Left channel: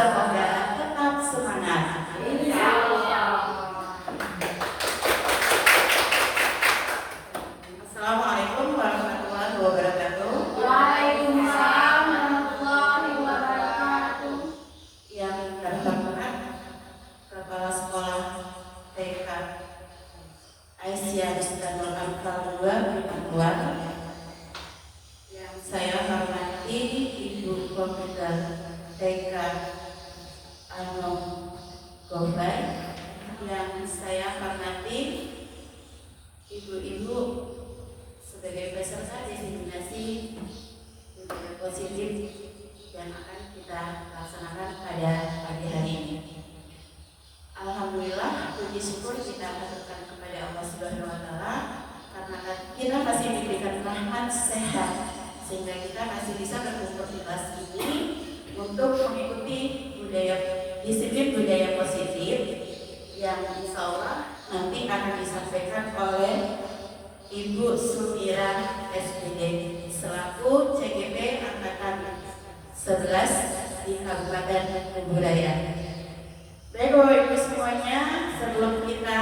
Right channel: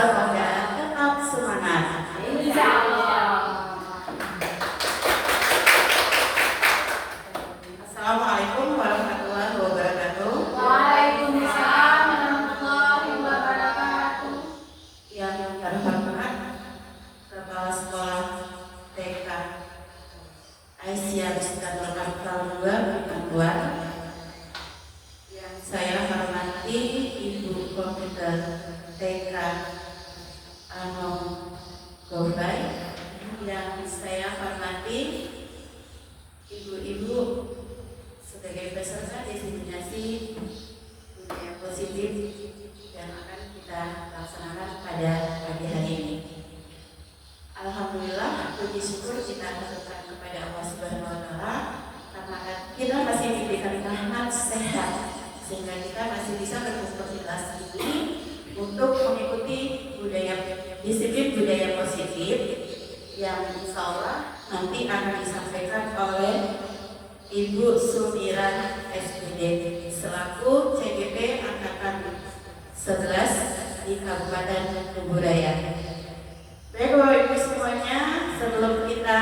semoga tetap semangat. Insya Allah. Assalamualaikum warahmatullahi wabarakatuh. Waalaikumsalam warahmatullahi wabarakatuh. Yang terhormat Kepala Sekolah TK Aisyah Bustadul Anfal 2 Bintang, yang saya hormati Ibu Komputer TK Anom Gofai, yang saya hormati ibu-ibu sebagai peserta diseminasi budaya positif yang akan kita laksanakan pada pagi hari ini. Alhamdulillah, puji syukur kita haturkan kepada Allah Subhanahu wa Ta'ala karena kita masih diberikan rahmat sehat sehingga kita masih bisa berkumpul di kelas ini untuk mengikuti disiplin budaya positif yang insya Allah nanti akan disampaikan oleh Ibu Sumira SPD selaku CGP Angkatan 11 di Kabupaten Kuburaya. Baik Bapak Ibu semuanya, sebelum kita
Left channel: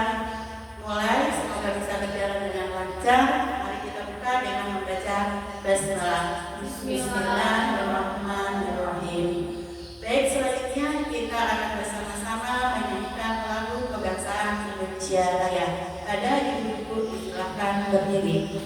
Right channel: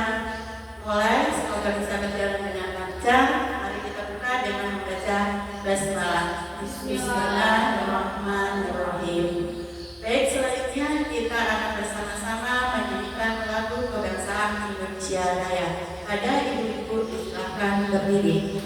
mulai, semoga bisa berjalan dengan lancar. Mari kita buka dengan membaca basmalah. Bismillahirrahmanirrahim. Baik, selanjutnya kita akan bersama-sama menyanyikan lagu kebangsaan Indonesia Raya. Ada ibu-ibu silakan berdiri.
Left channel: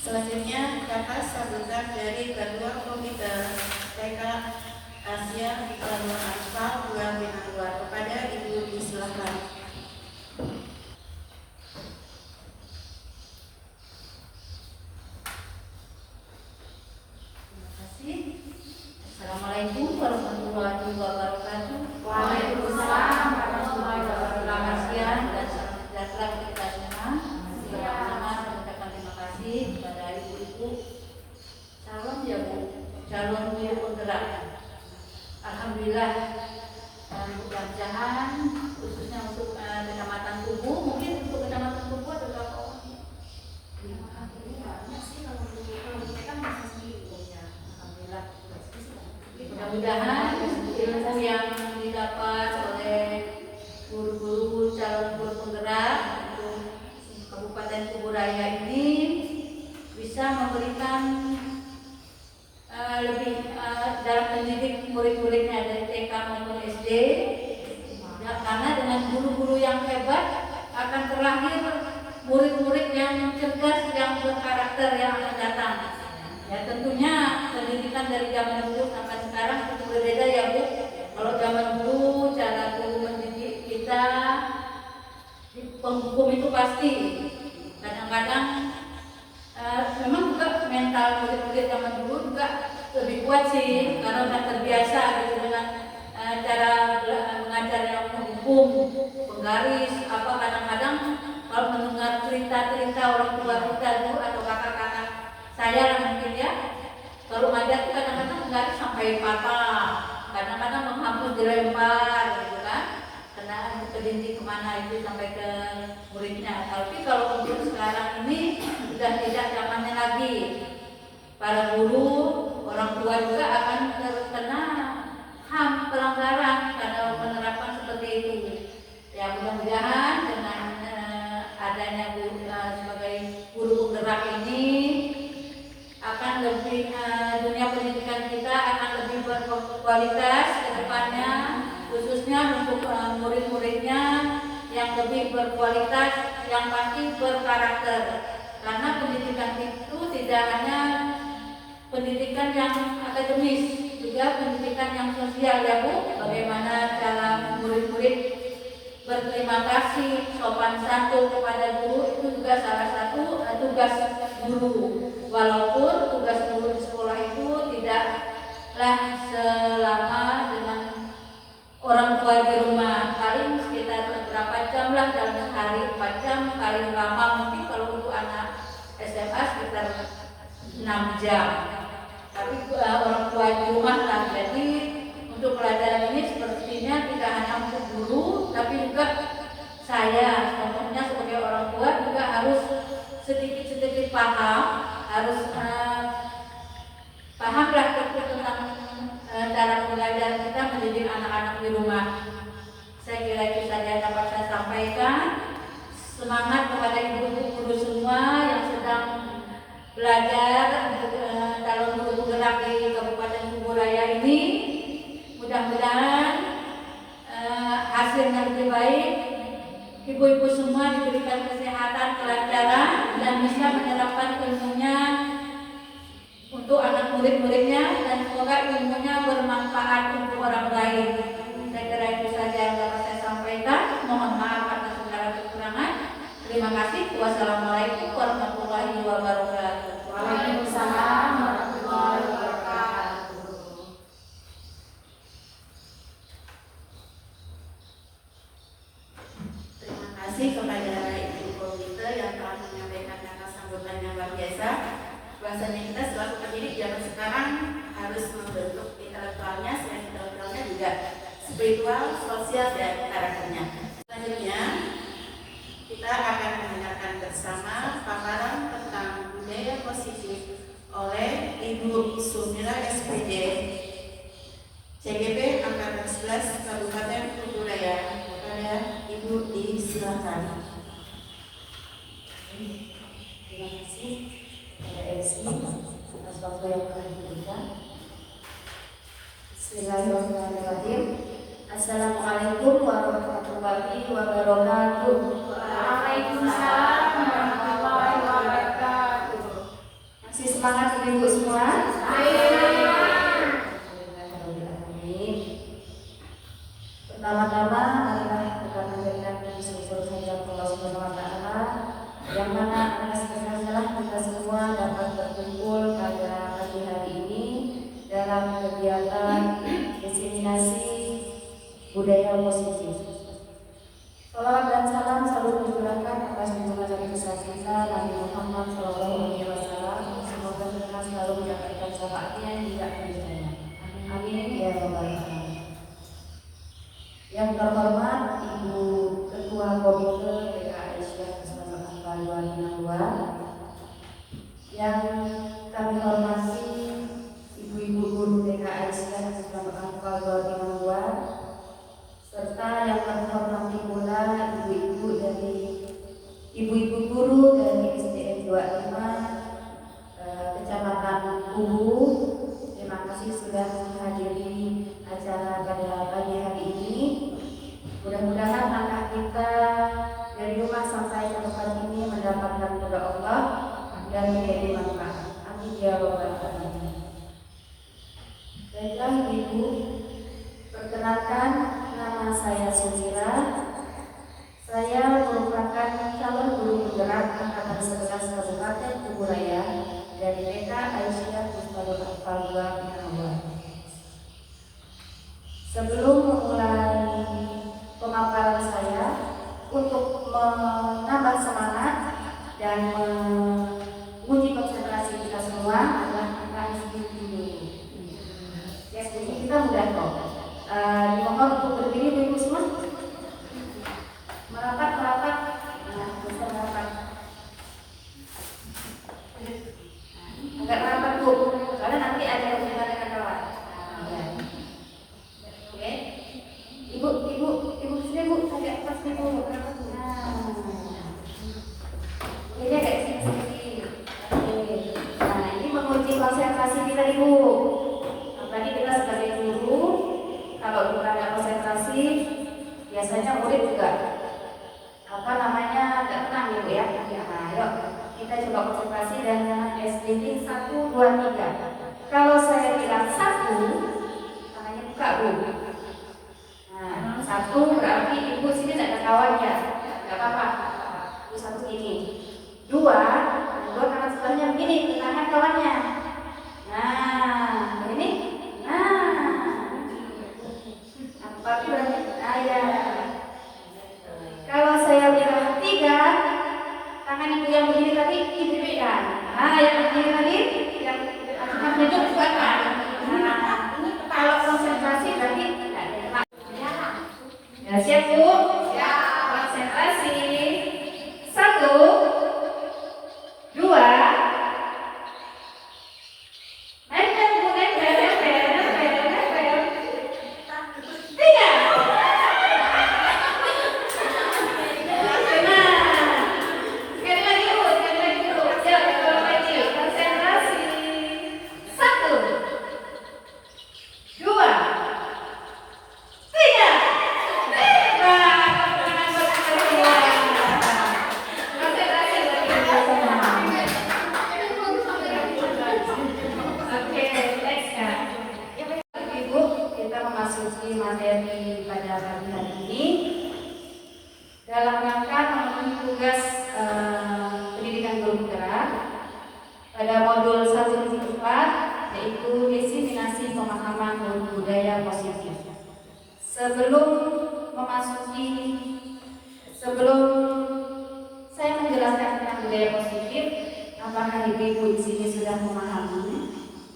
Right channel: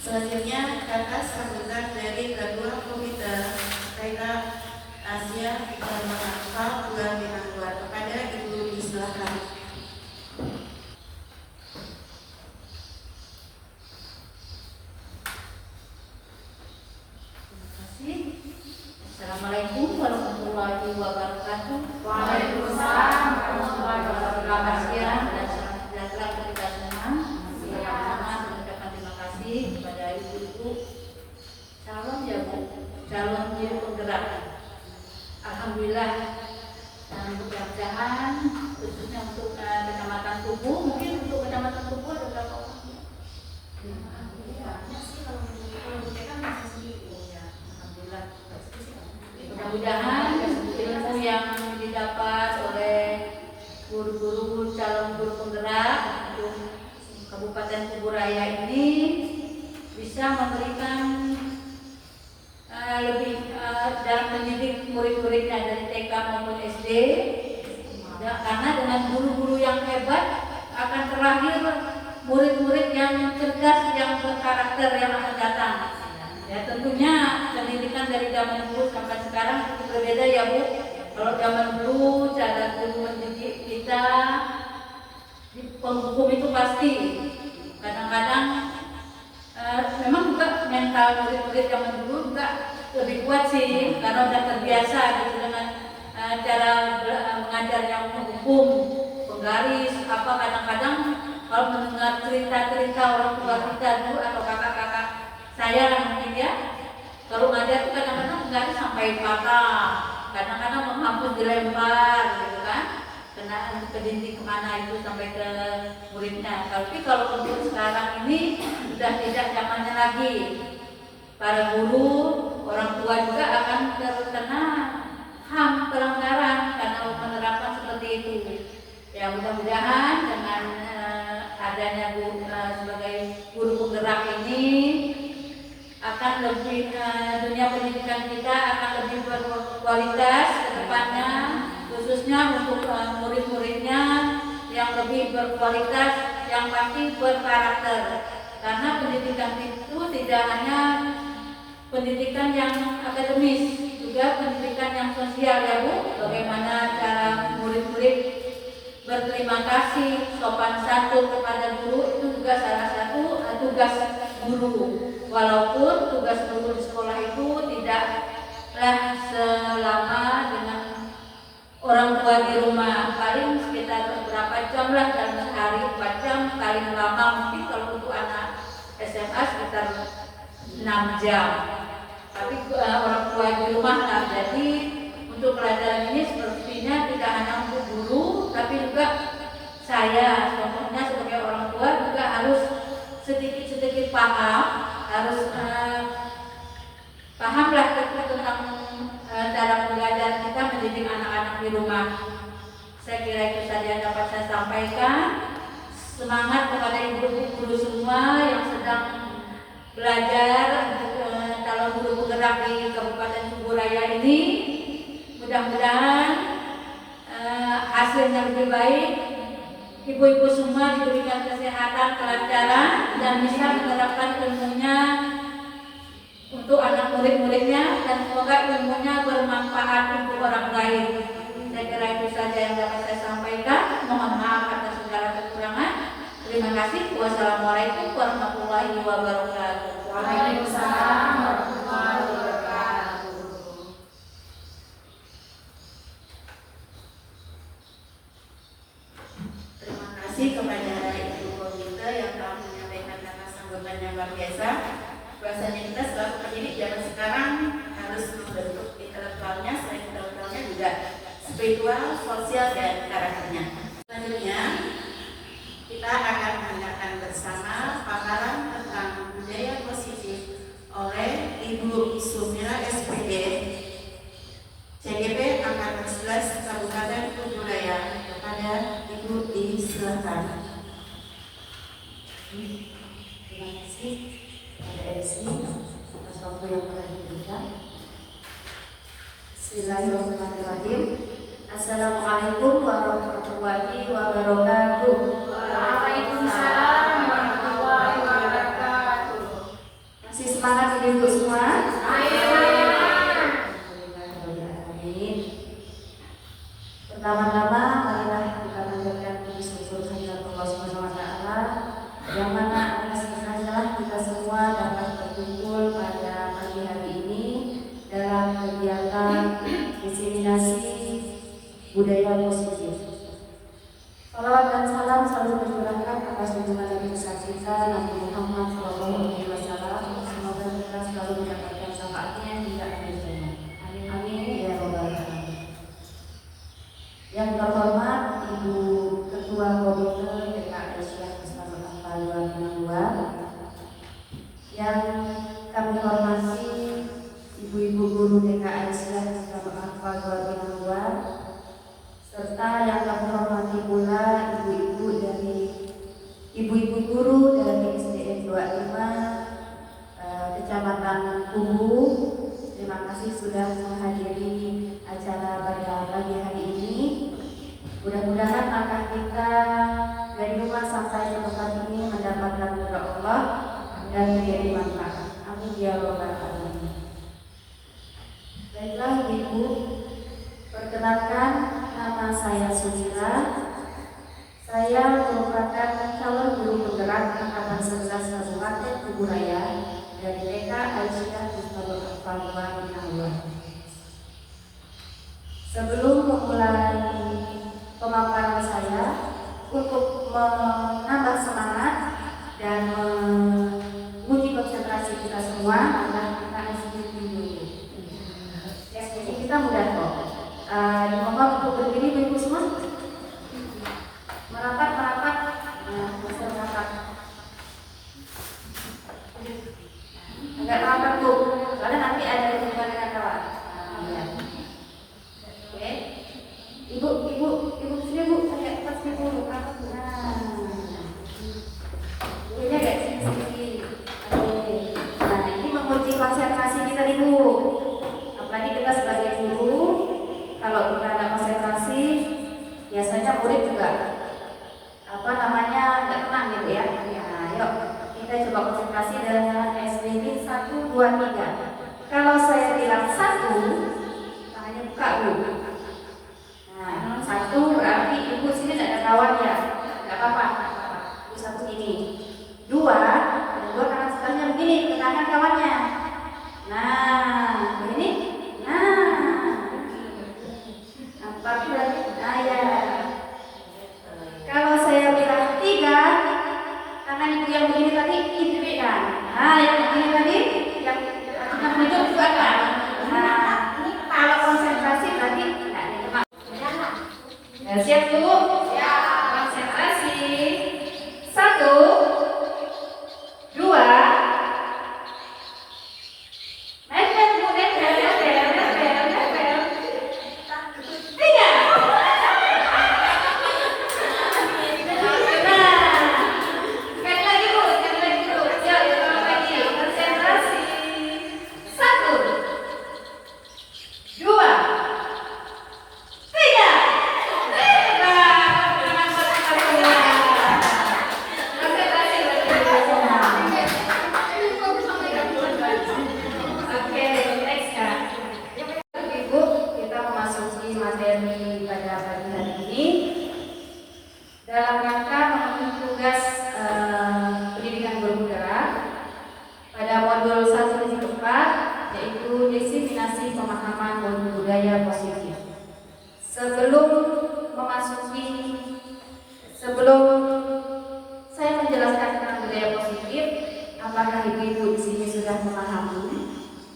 Selanjutnya kata sambutan dari Ketua Komite TK Asia Bintang 2 kepada Ibu disilakan. Terima kasih. Assalamualaikum warahmatullahi wabarakatuh. Waalaikumsalam warahmatullahi wabarakatuh. Selamat siang dan salam sejahtera untuk kita semua. Pertama, saya mengucapkan terima kasih kepada ibu-ibu calon guru penggerak. Alhamdulillah, mudah-mudahan khususnya untuk Kecamatan Kubu, mungkin untuk Kecamatan Kubu ada berapa orang? Banyak sih kalau kita masih sendiri. Alhamdulillah. Mudah-mudahan ilmu yang didapat oleh guru-guru calon guru penggerak untuk Kabupaten Kuburaya ini bisa memberikan lebih dalam mendidik murid-muridnya dari TK maupun SD. Karena dengan guru-guru yang hebat akan terlahir murid-murid yang cerdas, yang berkarakter yang akan datang. Ya tentunya pendidikan kan dari zaman dulu sampai sekarang itu berbeda ya Bu. Kalau zaman dulu cara guru mendidik kita di penghukum itu pasti kadang-kadang memang juga mental murid-murid zaman dulu juga lebih kuat sih karena udah terbiasa gitu dengan cara mengajar yang menghukum, penggaris apa. Kadang-kadang kalau mendengar cerita-cerita orang tua kita dulu atau kakak-kakak saya mungkin ya, kalau ngajar itu kadang-kadang penggaris sampai patah, kadang-kadang menghapus dilempar gitu kan, kena ke dinding kemana itu sampai ke muridnya. Tapi kalau untuk sekarang ini sudah tidak zamannya lagi. Para guru, orang tua juga akan terkena HAM pelanggaran karena penerapan seperti itu. Ya mudah-mudahan dengan adanya guru sebagai guru penggerak ini akan lebih dunia pendidikan kita akan lebih berkualitas ke depannya, khususnya untuk murid-muridnya yang lebih berkualitas, yang pasti berkarakter. Karena pendidikan itu tidak hanya pendidikan yang akademis, juga pendidikan yang sosial ya Bu. Bagaimana cara murid-murid berterima kasih, sopan santun kepada guru itu juga salah satu tugas guru. Walaupun tugas guru di sekolah itu tidaklah selama dengan orang tua di rumah, paling sekitar beberapa jam lah dalam sehari, 4 jam paling lama mungkin kalau untuk anak SMA sekitar 6 jam. Tapi orang tua di rumah lah. Jadi untuk pelajaran ini sepertinya tidak hanya untuk guru, tapi juga saya, contohnya sebagai orang tua juga harus sedikit-sedikit paham, harus pahamlah tentang cara pembelajaran kita mendidik anak-anak di rumah. Saya kira itu saja yang dapat saya sampaikan. Semangat kepada ibu-ibu guru semua yang sedang belajar calon guru penggerak di Kabupaten Kuburaya ini. Mudah-mudahan hasilnya lebih baik. Ibu-ibu semua diberikan kesehatan, kelancaran, dan bisa menerapkan ilmunya untuk anak murid-muridnya, dan semoga ilmunya bermanfaat untuk orang lain. Saya kira itu saja yang dapat saya sampaikan. Mohon maaf atas segala kekurangan. Terima kasih. Wassalamualaikum warahmatullahi wabarakatuh. Waalaikumsalam warahmatullahi wabarakatuh. Terima kasih kepada Ibu Komite yang telah menyampaikan kata sambutan yang luar biasa. Bahasanya kita selalu pendidik zaman sekarang harus membentuk intelektualnya, selain intelektualnya juga spiritual, sosial, dan karakternya. Selanjutnya kita akan mendengarkan bersama paparan tentang budaya positif oleh Ibu Sumila SPD, CGP Angkatan 11 Kabupaten Kuburaya. Kepada Ibu disilakan. Terima kasih kepada MC atas waktu yang telah diberikan. Bismillahirrahmanirrahim. Assalamualaikum warahmatullahi wabarakatuh. Waalaikumsalam warahmatullahi wabarakatuh. Masih semangat ibu semua? Pertama-tama marilah kita panjatkan puji syukur kehadirat Allah Subhanahu wa taala yang mana atas kesenangan kita semua dapat berkumpul pada pagi hari ini dalam kegiatan diseminasi budaya positif. Salawat dan salam selalu tercurahkan atas junjungan Nabi besar kita Nabi Muhammad SAW. Semoga kita selalu mendapatkan syafaatnya hingga akhir zaman. Amin ya rabbal alamin. Yang terhormat Ibu Ketua Komite TK Aisyah Kusma Angka 262, yang kami hormati Ibu-ibu guru TK Aisyah Kusma Angka 262, serta yang kami hormati pula ibu-ibu dari ibu-ibu guru dari SDN 25 Kecamatan Kubu. Terima kasih sudah menghadiri acara pada pagi hari ini. Mudah-mudahan langkah kita dari rumah sampai ke tempat ini mendapatkan ridha Allah dan menjadi manfaat. Amin ya rabbal alamin. dari TK Aisyah Mustabul Al-Falwa Minahullah. Sebelum memulai pemaparan saya, untuk menambah semangat dan menguji konsentrasi kita semua adalah kita SPT dulu. SPT kita mudah kok. Dimohon untuk berdiri Ibu semua. Merapat. Nah, bisa merapat. Agak merapat Bu, soalnya nanti ada hubungan dengan kawan. Ya. Oke. Ibu sini Bu, saya pas dulu. Nah. Ini agak sedikit. Oke. Nah, ini menguji konsentrasi kita Ibu. Apalagi kita sebagai guru, kalau kita nggak konsentrasi, biasanya murid juga nggak tenang gitu ya. Nah, yuk kita coba konsentrasi dengan SPT 1, 2, 3. Kalau saya bilang 1, tangannya buka Bu. Nah, 1 berarti Ibu sini tidak ada kawan ya, nggak apa-apa. Ibu 1 ini. 2 tangan sebelahnya begini, tangan kawannya. Nah, begini. Tapi berarti ya. Kalau saya bilang 3, tangan Ibu yang begini tadi Ibu berikan. Nah, yang begini tadi yang menunjuk itu ada. Nah, kalau konsentrasi berarti tidak ada. Nah, siap Bu? Siap. Konsentrasi. 1, 2. Nempel Bu, nempel. 3. Materi pada pagi hari ini dalam rangka memenuhi tugas pendidikan guru penggerak pada modul 1-4, yaitu diseminasi pemahaman budaya positif. Sebelum saya menjelaskan tentang budaya positif, apakah ibu-ibu di sini sudah memahami?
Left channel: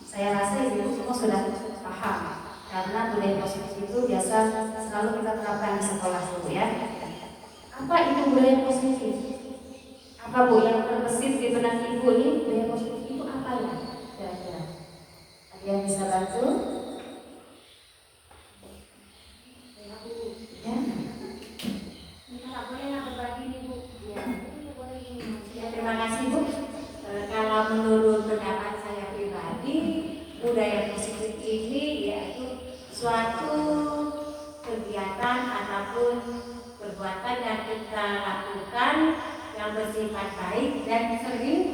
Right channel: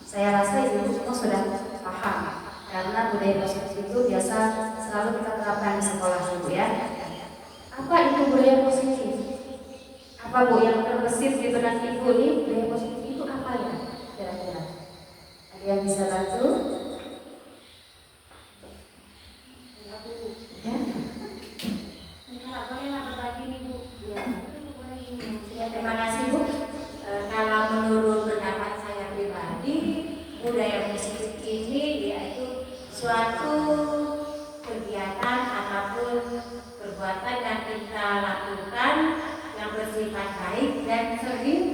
Saya rasa ibu semua sudah paham. Karena budaya positif itu biasa selalu kita terapkan di sekolah Bu ya. Apa itu budaya positif? Apa Bu yang terbesit di benak Ibu nih? Budaya positif itu apa ya? Kira-kira ada yang bisa bantu? Ya. Ya, terima kasih Bu. Kalau menurut pendapat saya pribadi, budaya positif ini yaitu suatu kegiatan ataupun perbuatan yang kita lakukan yang bersifat baik dan sering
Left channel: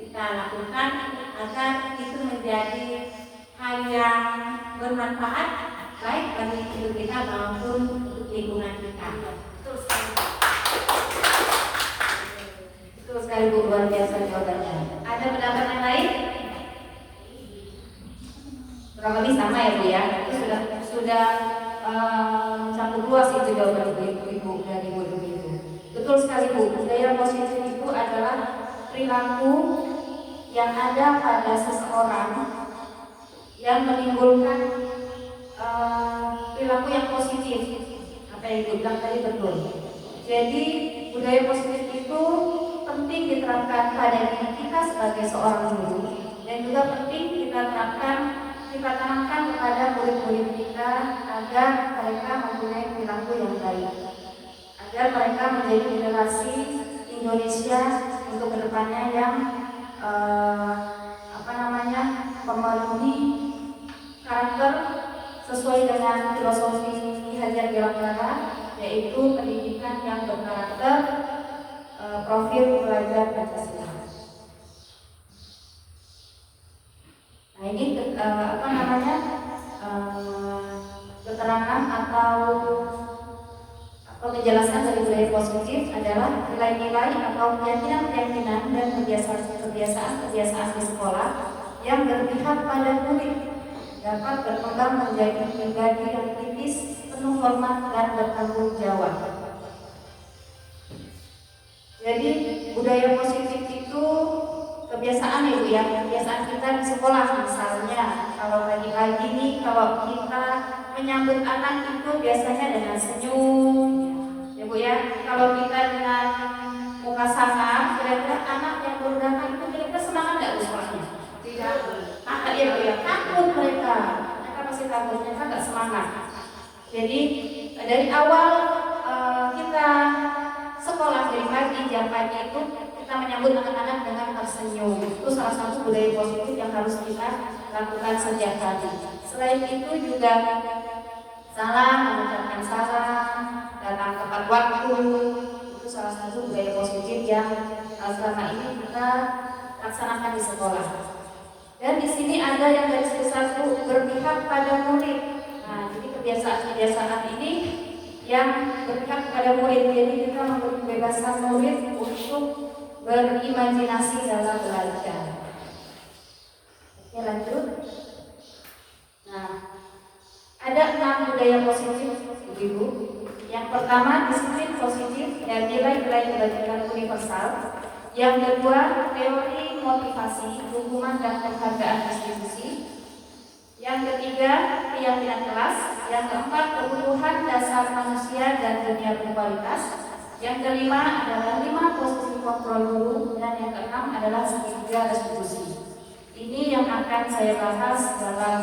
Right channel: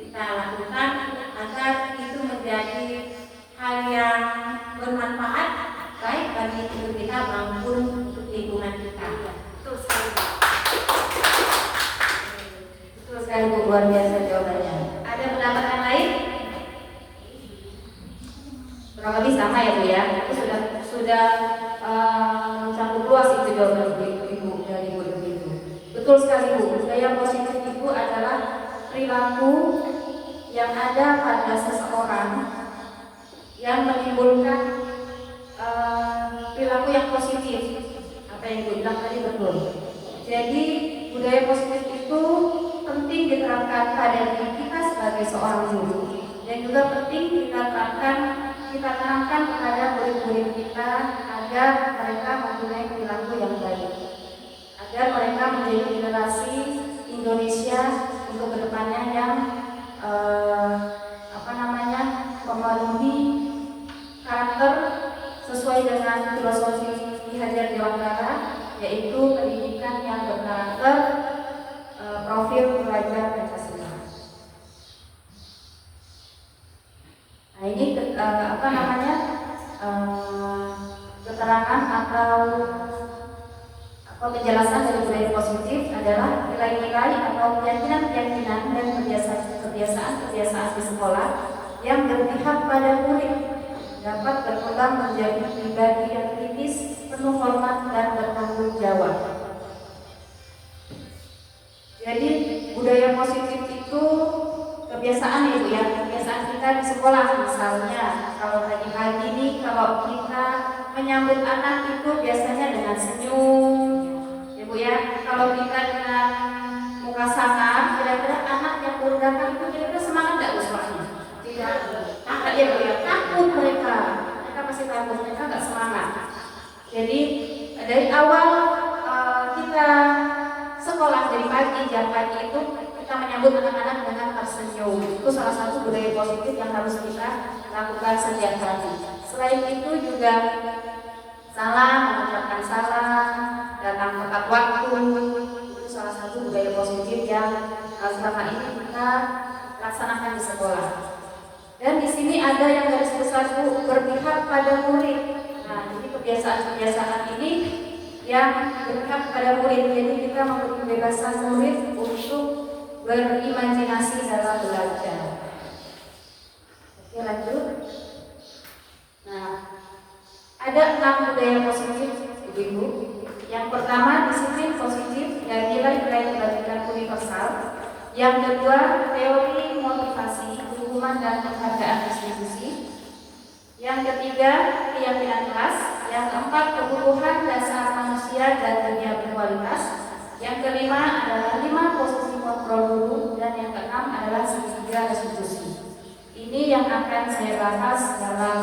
kita lakukan agar itu menjadi hal yang bermanfaat baik bagi hidup kita maupun untuk lingkungan kita. Betul sekali Bu, luar biasa jawabannya. Ada pendapat yang lain? Kurang lebih sama ya Bu ya. Sudah mencakup luas itu jawaban Ibu dari Bu itu. Betul sekali Bu. Budaya positif itu adalah perilaku yang ada pada seseorang yang menimbulkan perilaku yang positif. Apa yang Ibu bilang tadi betul. Jadi budaya positif itu penting diterapkan pada diri kita sebagai seorang guru, dan juga penting kita tanamkan kepada murid-murid kita agar mereka mempunyai perilaku yang baik, agar mereka menjadi generasi Indonesia untuk kedepannya yang memenuhi karakter sesuai dengan filosofi Ki Hajar Dewantara, yaitu pendidikan yang berkarakter profil pelajar Pancasila. Nah, ini keterangan atau Penjelasan dari budaya positif adalah nilai-nilai atau keyakinan-keyakinan dan kebiasaan-kebiasaan di sekolah yang berpihak pada murid dapat berkembang menjadi pribadi yang kritis, penuh hormat dan bertanggung jawab. Jadi budaya positif itu kebiasaan ya Bu ya, kebiasaan kita di sekolah. Misalnya kalau pagi-pagi ini kalau kita menyambut anak itu biasanya dengan senyum ya Bu ya. Kalau kita dengan muka sangar, kira-kira anak yang baru datang itu kira-kira semangat nggak usahanya? Tidak. Maka ya Bu ya, takut mereka pasti takut, mereka nggak semangat. Jadi dari awal kita sekolah dari pagi jam pagi itu kita menyambut anak-anak dengan tersenyum. Itu salah satu budaya positif yang harus kita lakukan setiap hari. Selain itu juga salam, mengucapkan salam, datang tepat waktu, itu salah satu budaya positif yang selama ini kita laksanakan di sekolah. Dan di sini ada yang garis besar Bu, berpihak pada murid. Nah, jadi kebiasaan-kebiasaan ini yang berpihak pada murid. Jadi kita memberi kebebasan murid untuk berimajinasi dalam belajar. Oke, lanjut. Nah, ada 6 budaya positif Ibu-ibu. Yang pertama disiplin positif dan nilai-nilai kebajikan universal. Yang kedua teori motivasi, hukuman dan penghargaan institusi. Yang ketiga keyakinan kelas. Yang keempat kebutuhan dasar manusia dan dunia berkualitas. Yang kelima adalah 5 posisi kontrol guru dan yang keenam adalah segitiga restitusi. Ini yang akan saya bahas dalam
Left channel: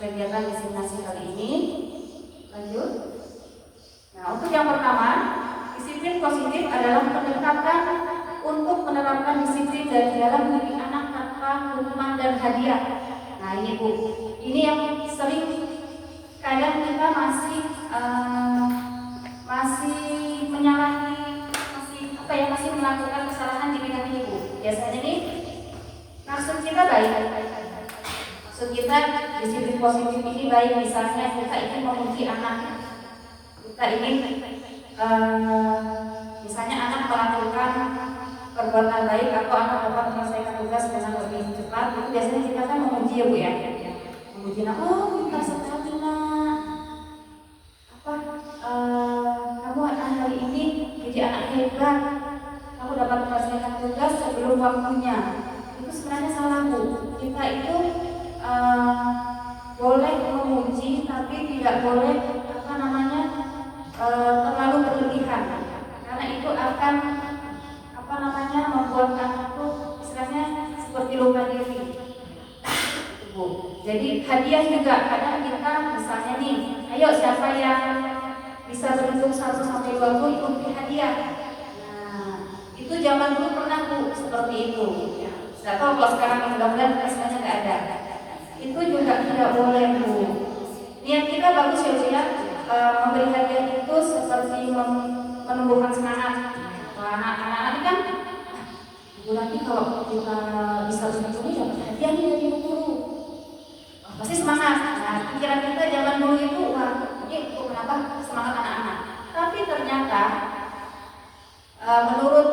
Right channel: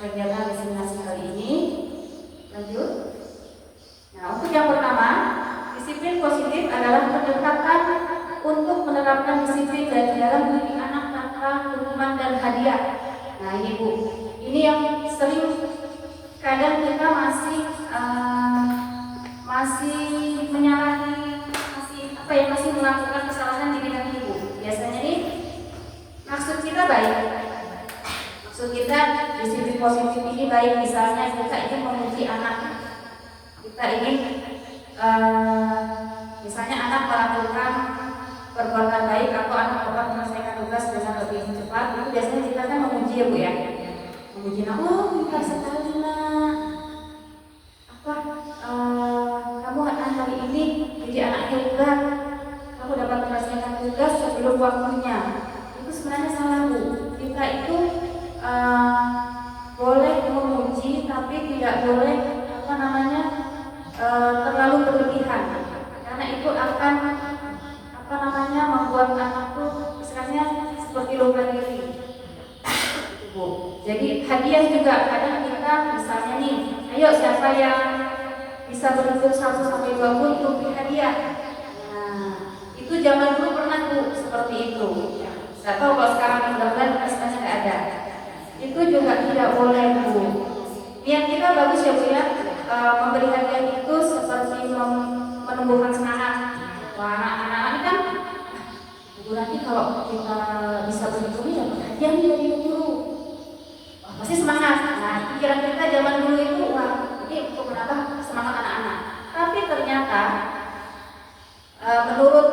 kegiatan destinasi kali ini. Lanjut. Nah, untuk yang pertama, disiplin positif adalah pendekatan untuk menerapkan disiplin dari dalam diri anak tanpa hukuman dan hadiah. Nah, ini Bu, ini yang sering kadang kita masih menyalahi, masih melakukan kesalahan di bidang ini Bu. Biasanya nih maksud kita baik. Maksud kita disiplin positif ini baik, misalnya kita ingin memuji anak. Kita ingin misalnya anak melakukan perbuatan baik atau anak dapat menyelesaikan tugas dengan lebih cepat, itu biasanya kita kan memuji ya Bu ya. Memuji anak, oh pintar sekali nak. Kamu hari ini jadi anak hebat. Kamu dapat menyelesaikan tugas sebelum waktunya. Itu sebenarnya salah Bu. Kita itu boleh memuji tapi tidak boleh terlalu berlebihan, karena itu akan membuat anak tuh istilahnya seperti lupa diri. Jadi hadiah juga kadang kita misalnya nih, ayo siapa yang bisa berhitung 1 sampai 20 itu beri hadiah. Nah, itu zaman dulu pernah Bu seperti itu. Nggak tahu kalau sekarang mudah-mudahan sebenarnya nggak ada. Itu juga tidak boleh Bu. Niat kita bagus ya Bu ya. Memberi hadiah itu seperti menumbuhkan semangat. Wah, anak-anak ini kan nanti kalau kita bisa berhitung ya dapat hadiah dari guru. Pasti semangat. Nah, pikiran kita zaman dulu itu wah, ini untuk menambah semangat anak-anak. Tapi ternyata menurut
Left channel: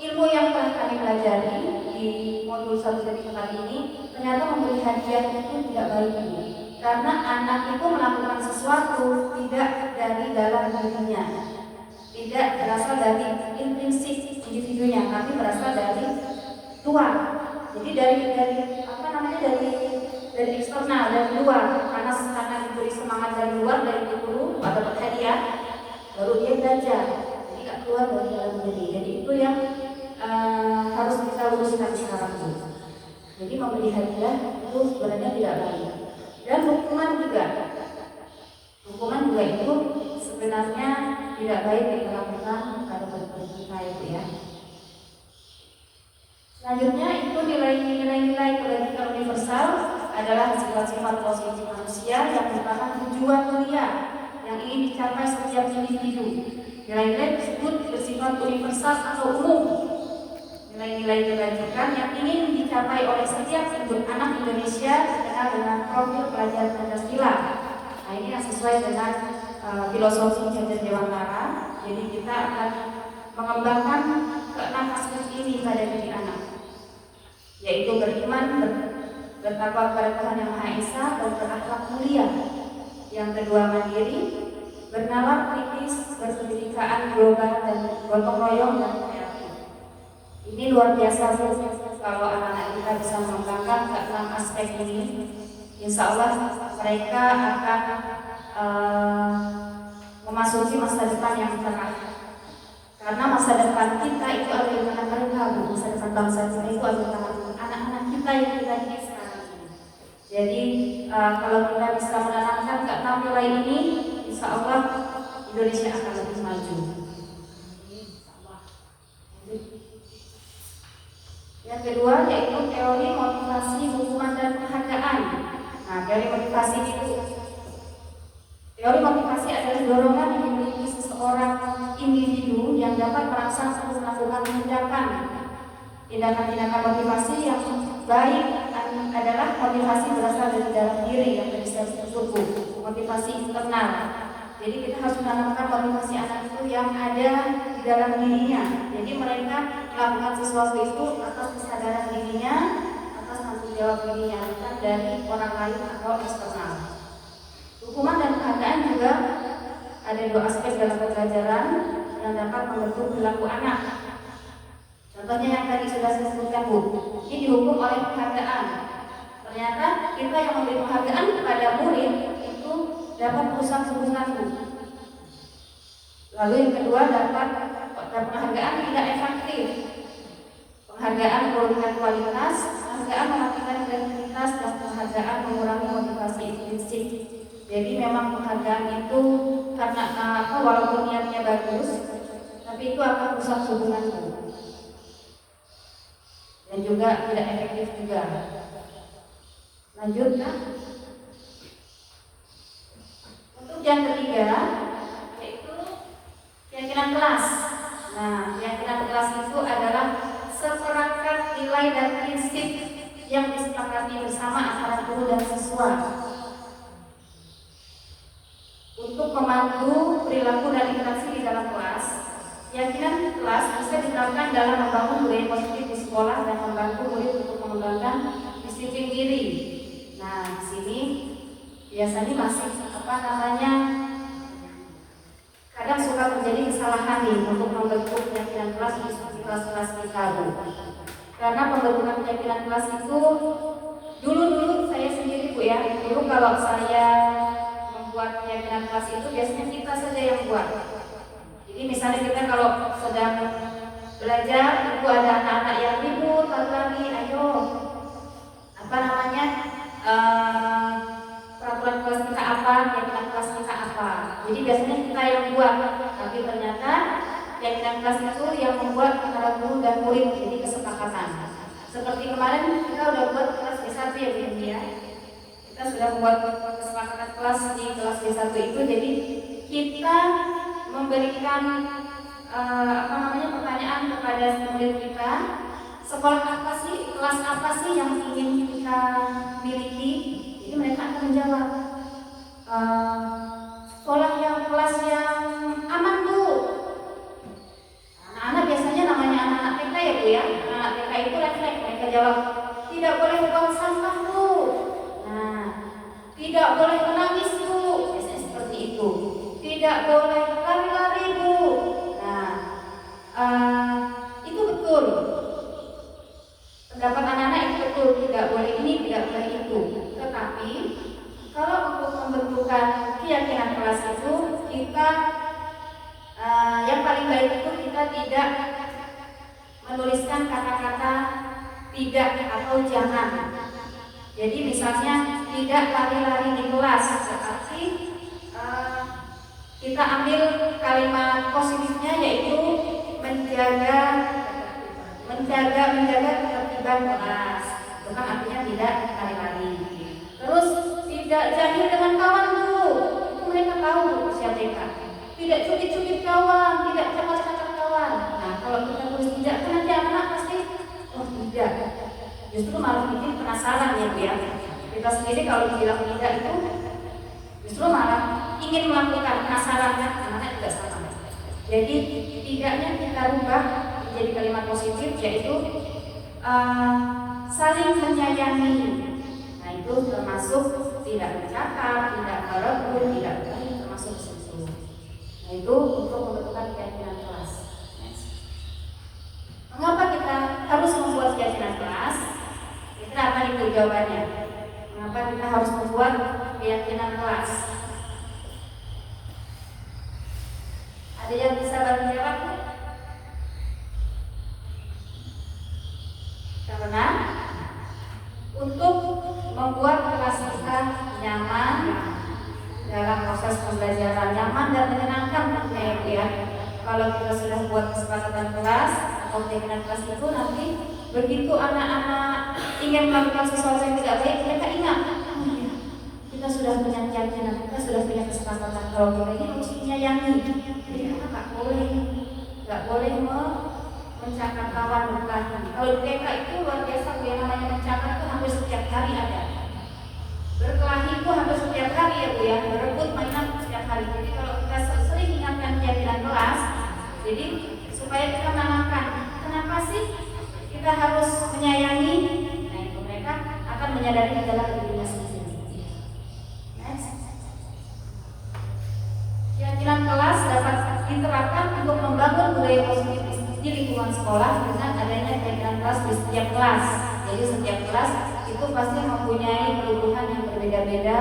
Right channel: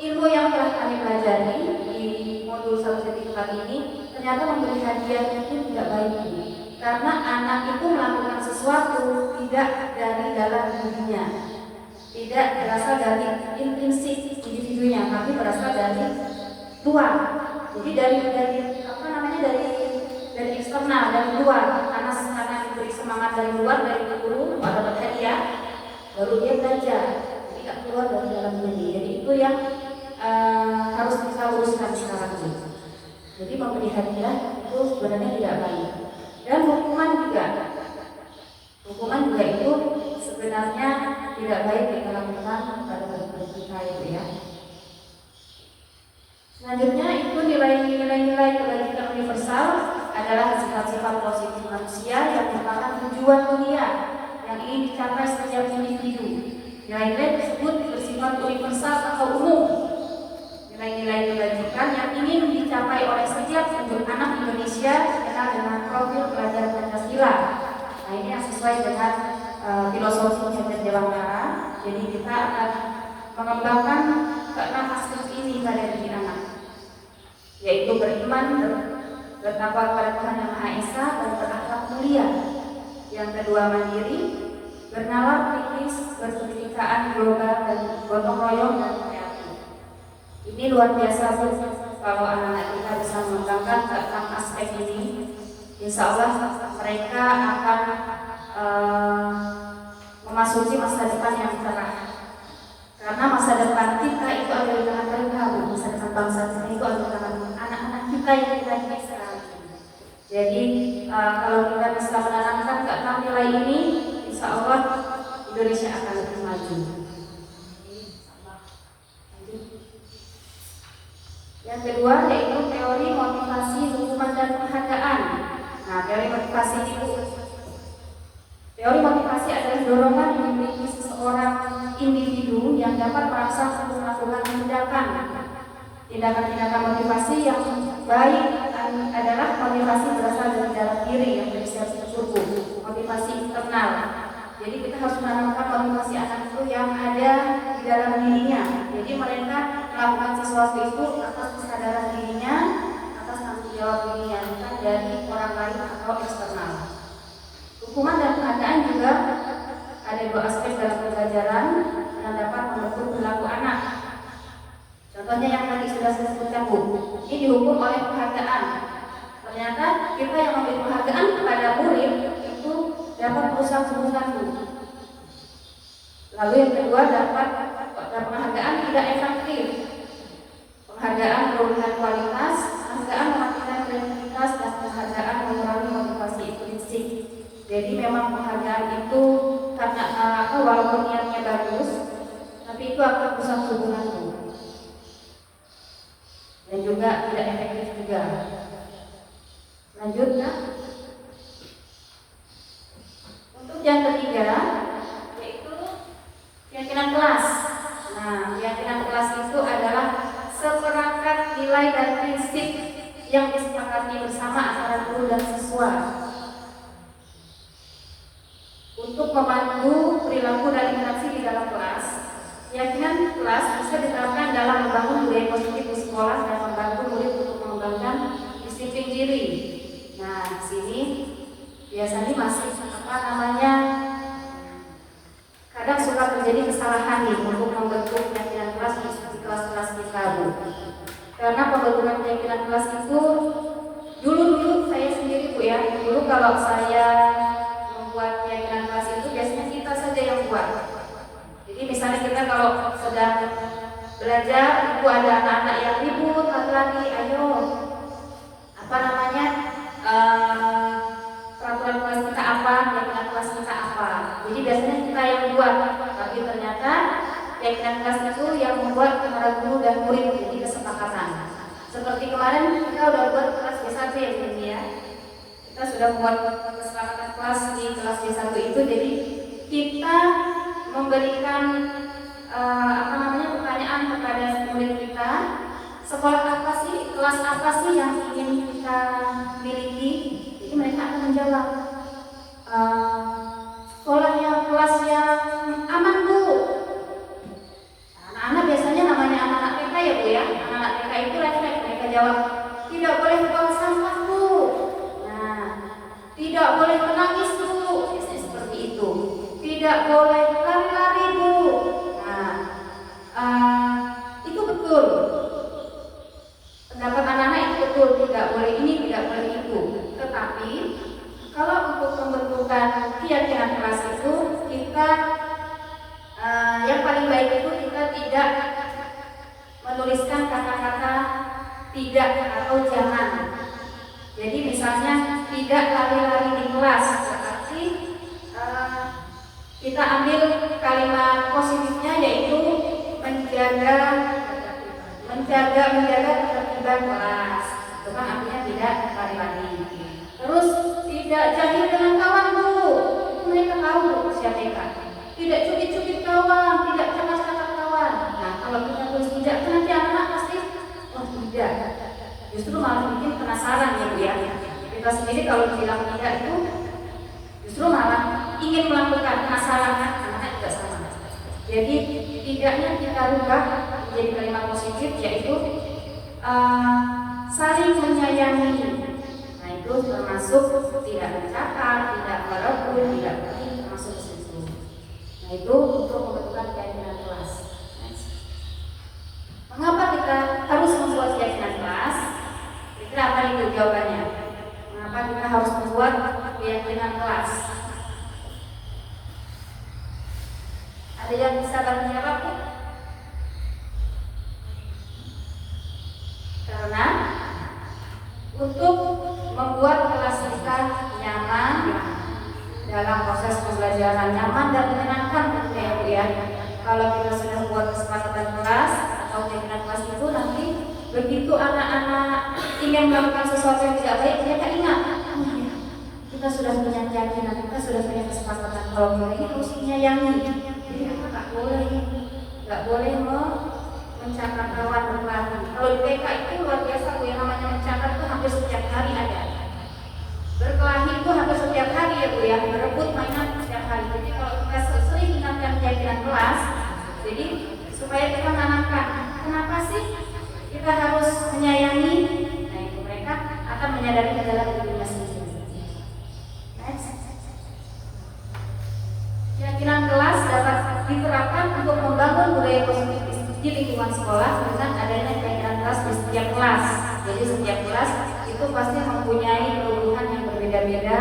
ilmu yang telah kami pelajari di modul 1 kali ini, ternyata memberi hadiah itu tidak baik Bu. Karena anak itu melakukan sesuatu tidak dari dalam dirinya, tidak berasal dari intrinsik individunya, tapi berasal dari luar. Jadi dari eksternal, dari luar. Karena diberi semangat dari luar, dari guru atau dapat hadiah, baru dia belajar. Jadi nggak keluar dari dalam diri. Jadi itu yang harus kita luruskan sekarang ini. Jadi memberi hadiah itu sebenarnya tidak baik. Dan hukuman juga itu sebenarnya tidak baik dilakukan pada murid kita itu ya. Selanjutnya itu nilai-nilai kebajikan universal adalah sifat-sifat positif manusia yang merupakan tujuan mulia yang ingin dicapai setiap individu. Nilai-nilai tersebut bersifat universal atau umum. Nilai-nilai kebajikan yang ingin dicapai oleh setiap anak Indonesia dikenal dengan profil pelajar Pancasila. Nah, ini yang sesuai dengan filosofi Jajar Dewantara Jadi kita akan mengembangkan keenam aspek ini pada diri anak, yaitu beriman, bertakwa kepada Tuhan Yang Maha Esa, dan berakhlak mulia. Yang kedua mandiri, bernalar kritis, berpendidikan global dan gotong royong dan kreatif. Ini luar biasa Bu, kalau anak-anak kita bisa mengembangkan keenam aspek ini, insya Allah mereka akan memasuki masa depan yang cerah. Karena masa depan kita itu ada di tangan mereka, Bu. Masa depan bangsa kita itu ada di tangan anak-anak kita yang kita didik sekarang. Jadi kalau kita bisa menanamkan keenam nilai ini, insya Allah Indonesia akan lebih maju. Yang kedua yaitu teori motivasi, hukuman dan penghargaan. Nah, teori motivasi itu, teori motivasi adalah dorongan yang dimiliki seseorang individu yang dapat merangsang untuk melakukan tindakan motivasi yang baik adalah motivasi berasal dari dalam diri yang bisa terkumpul, motivasi internal. Jadi kita harus menanamkan motivasi anak itu yang ada di dalam dirinya. Jadi mereka melakukan sesuatu itu atas kesadaran dirinya, atas tanggung jawab dirinya, bukan dari orang lain atau eksternal. Hukuman dan penghargaan juga ada dua aspek dalam pembelajaran yang dapat membentuk perilaku anak. Contohnya yang tadi sudah saya sebutkan Bu, ini dihukum oleh penghargaan. Ternyata kita yang memberi penghargaan kepada murid itu dapat merusak hubungan Bu. Lalu yang kedua dapat penghargaan tidak efektif. Penghargaan menurunkan kualitas, penghargaan mematikan kreativitas, dan penghargaan mengurangi motivasi intrinsik. Jadi memang penghargaan itu karena walaupun niatnya bagus, tapi itu akan merusak hubunganmu dan juga tidak efektif juga. Lanjut ya. Untuk yang ketiga yaitu keyakinan kelas. Nah, keyakinan kelas itu adalah seperangkat nilai dan prinsip yang disepakati bersama antara guru dan siswa untuk memandu perilaku dan interaksi di dalam kelas. Keyakinan kelas bisa diterapkan dalam membangun budaya positif di sekolah dan membantu murid untuk mengembangkan disiplin diri. Nah, di sini biasanya masih kadang suka terjadi kesalahan nih untuk membentuk keyakinan kelas di kelas-kelas kita Bu. Karena pembentukan keyakinan kelas itu dulu saya sendiri Bu ya. Dulu kalau saya membuat keyakinan kelas itu biasanya kita saja yang buat. Jadi misalnya kita kalau sedang belajar, ibu ada anak-anak yang ribut, lari-lari, ayo peraturan kelas kita apa, keyakinan kelas kita apa. Jadi biasanya kita yang buat, tapi ternyata keyakinan kelas itu yang membuat antara guru dan murid, jadi kesepakatan. Seperti kemarin kita udah buat kelas B1 ya Bu ya. Kita sudah membuat kesepakatan kelas di kelas B1 itu, jadi kita memberikan pertanyaan kepada murid kita, sekolah apa sih, kelas apa sih yang ingin kita miliki. Jadi mereka akan menjawab sekolah yang kelas yang aman Bu. Anak-anak biasanya namanya anak-anak TK ya Bu ya. Anak-anak TK itu mereka jawab tidak boleh buang sampah Bu. Nah, tidak boleh menangis Bu. Biasanya seperti itu. Tidak boleh lari-lari Bu. Nah, itu betul. Pendapat anak-anak itu betul, tidak boleh ini, tidak boleh itu. Tetapi kalau untuk pembentukan keyakinan kelas itu kita yang paling baik itu kita tidak menuliskan kata-kata tidak atau jangan. Jadi misalnya tidak lari-lari di kelas, berarti kita ambil kalimat positifnya yaitu menjaga ketertiban kelas. Itu kan artinya tidak lari-lari. Terus tidak jahil dengan kawan Bu. Itu mereka tahu siapa mereka. Tidak cubit-cubit kawan, tidak cakap-cakap kawan. Nah, kalau kita tulis tidak, nanti anak-anak pasti oh tidak. Justru malah bikin penasaran ya Bu ya. Kita sendiri kalau bilang tidak itu justru malah ingin melakukan, penasaran kan, anak-anak juga sama. Jadi tidaknya kita rubah menjadi kalimat positif, yaitu saling menyayangi. Nah itu termasuk tidak mencakar, tidak merebut, tidak termasuk di situ. Nah itu untuk membentukkan keyakinan kelas. Mengapa kita harus membuat keyakinan kelas? Kira apa itu jawabannya? Mengapa kita harus membuat keyakinan kelas? Ada yang bisa bantu jawab? Karena untuk membuat kelas kita nyaman dalam proses pembelajaran, nyaman dan menyenangkan tentunya ya. Kalau kita sudah buat kesepakatan kelas atau keyakinan kelas itu, nanti begitu anak-anak ingin melakukan sesuatu yang tidak baik, mereka ingat, kita sudah punya keyakinan, kita sudah punya kesepakatan kalau kita ini harus menyayangi. Jadi kita nggak boleh mencakar kawan berkelahi. Kalau di TK itu luar biasa, yang namanya mencakar itu hampir setiap hari ada. Berkelahi itu hampir setiap hari ya Bu ya, berebut mainan setiap hari. Jadi kalau kita sering ingatkan keyakinan kelas, jadi supaya kita menanamkan, kenapa sih kita harus menyayangi? Nah itu mereka akan menyadari dalam dirinya sendiri. Next. Keyakinan kelas dapat diterapkan untuk membangun budaya positif di lingkungan sekolah dengan adanya keyakinan kelas di setiap kelas. Jadi setiap kelas itu pasti mempunyai kebutuhan yang berbeda-beda,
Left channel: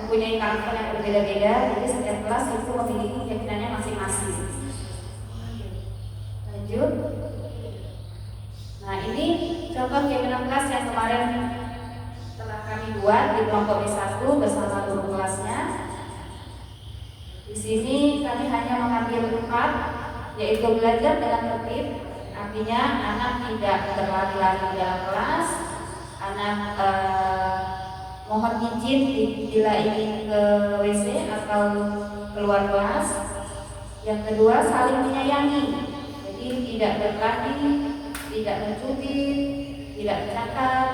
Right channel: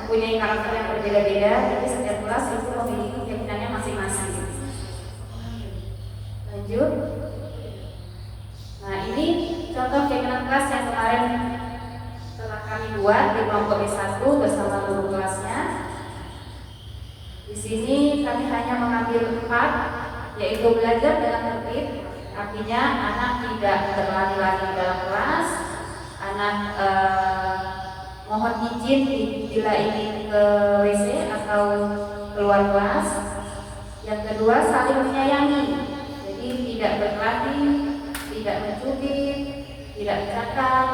mempunyai karakter yang berbeda-beda. Jadi setiap kelas itu memiliki keyakinannya masing-masing. Lanjut. Nah ini contoh keyakinan kelas yang kemarin telah kami buat di kelompok B1 bersama guru kelasnya. Di sini kami hanya mengambil 4, yaitu belajar dengan tertib. Artinya anak tidak berlari-lari dalam kelas, anak mohon izin bila ingin ke WC atau keluar kelas. Yang kedua, saling menyayangi. Jadi tidak berkelahi, tidak mencubit, tidak bercakap.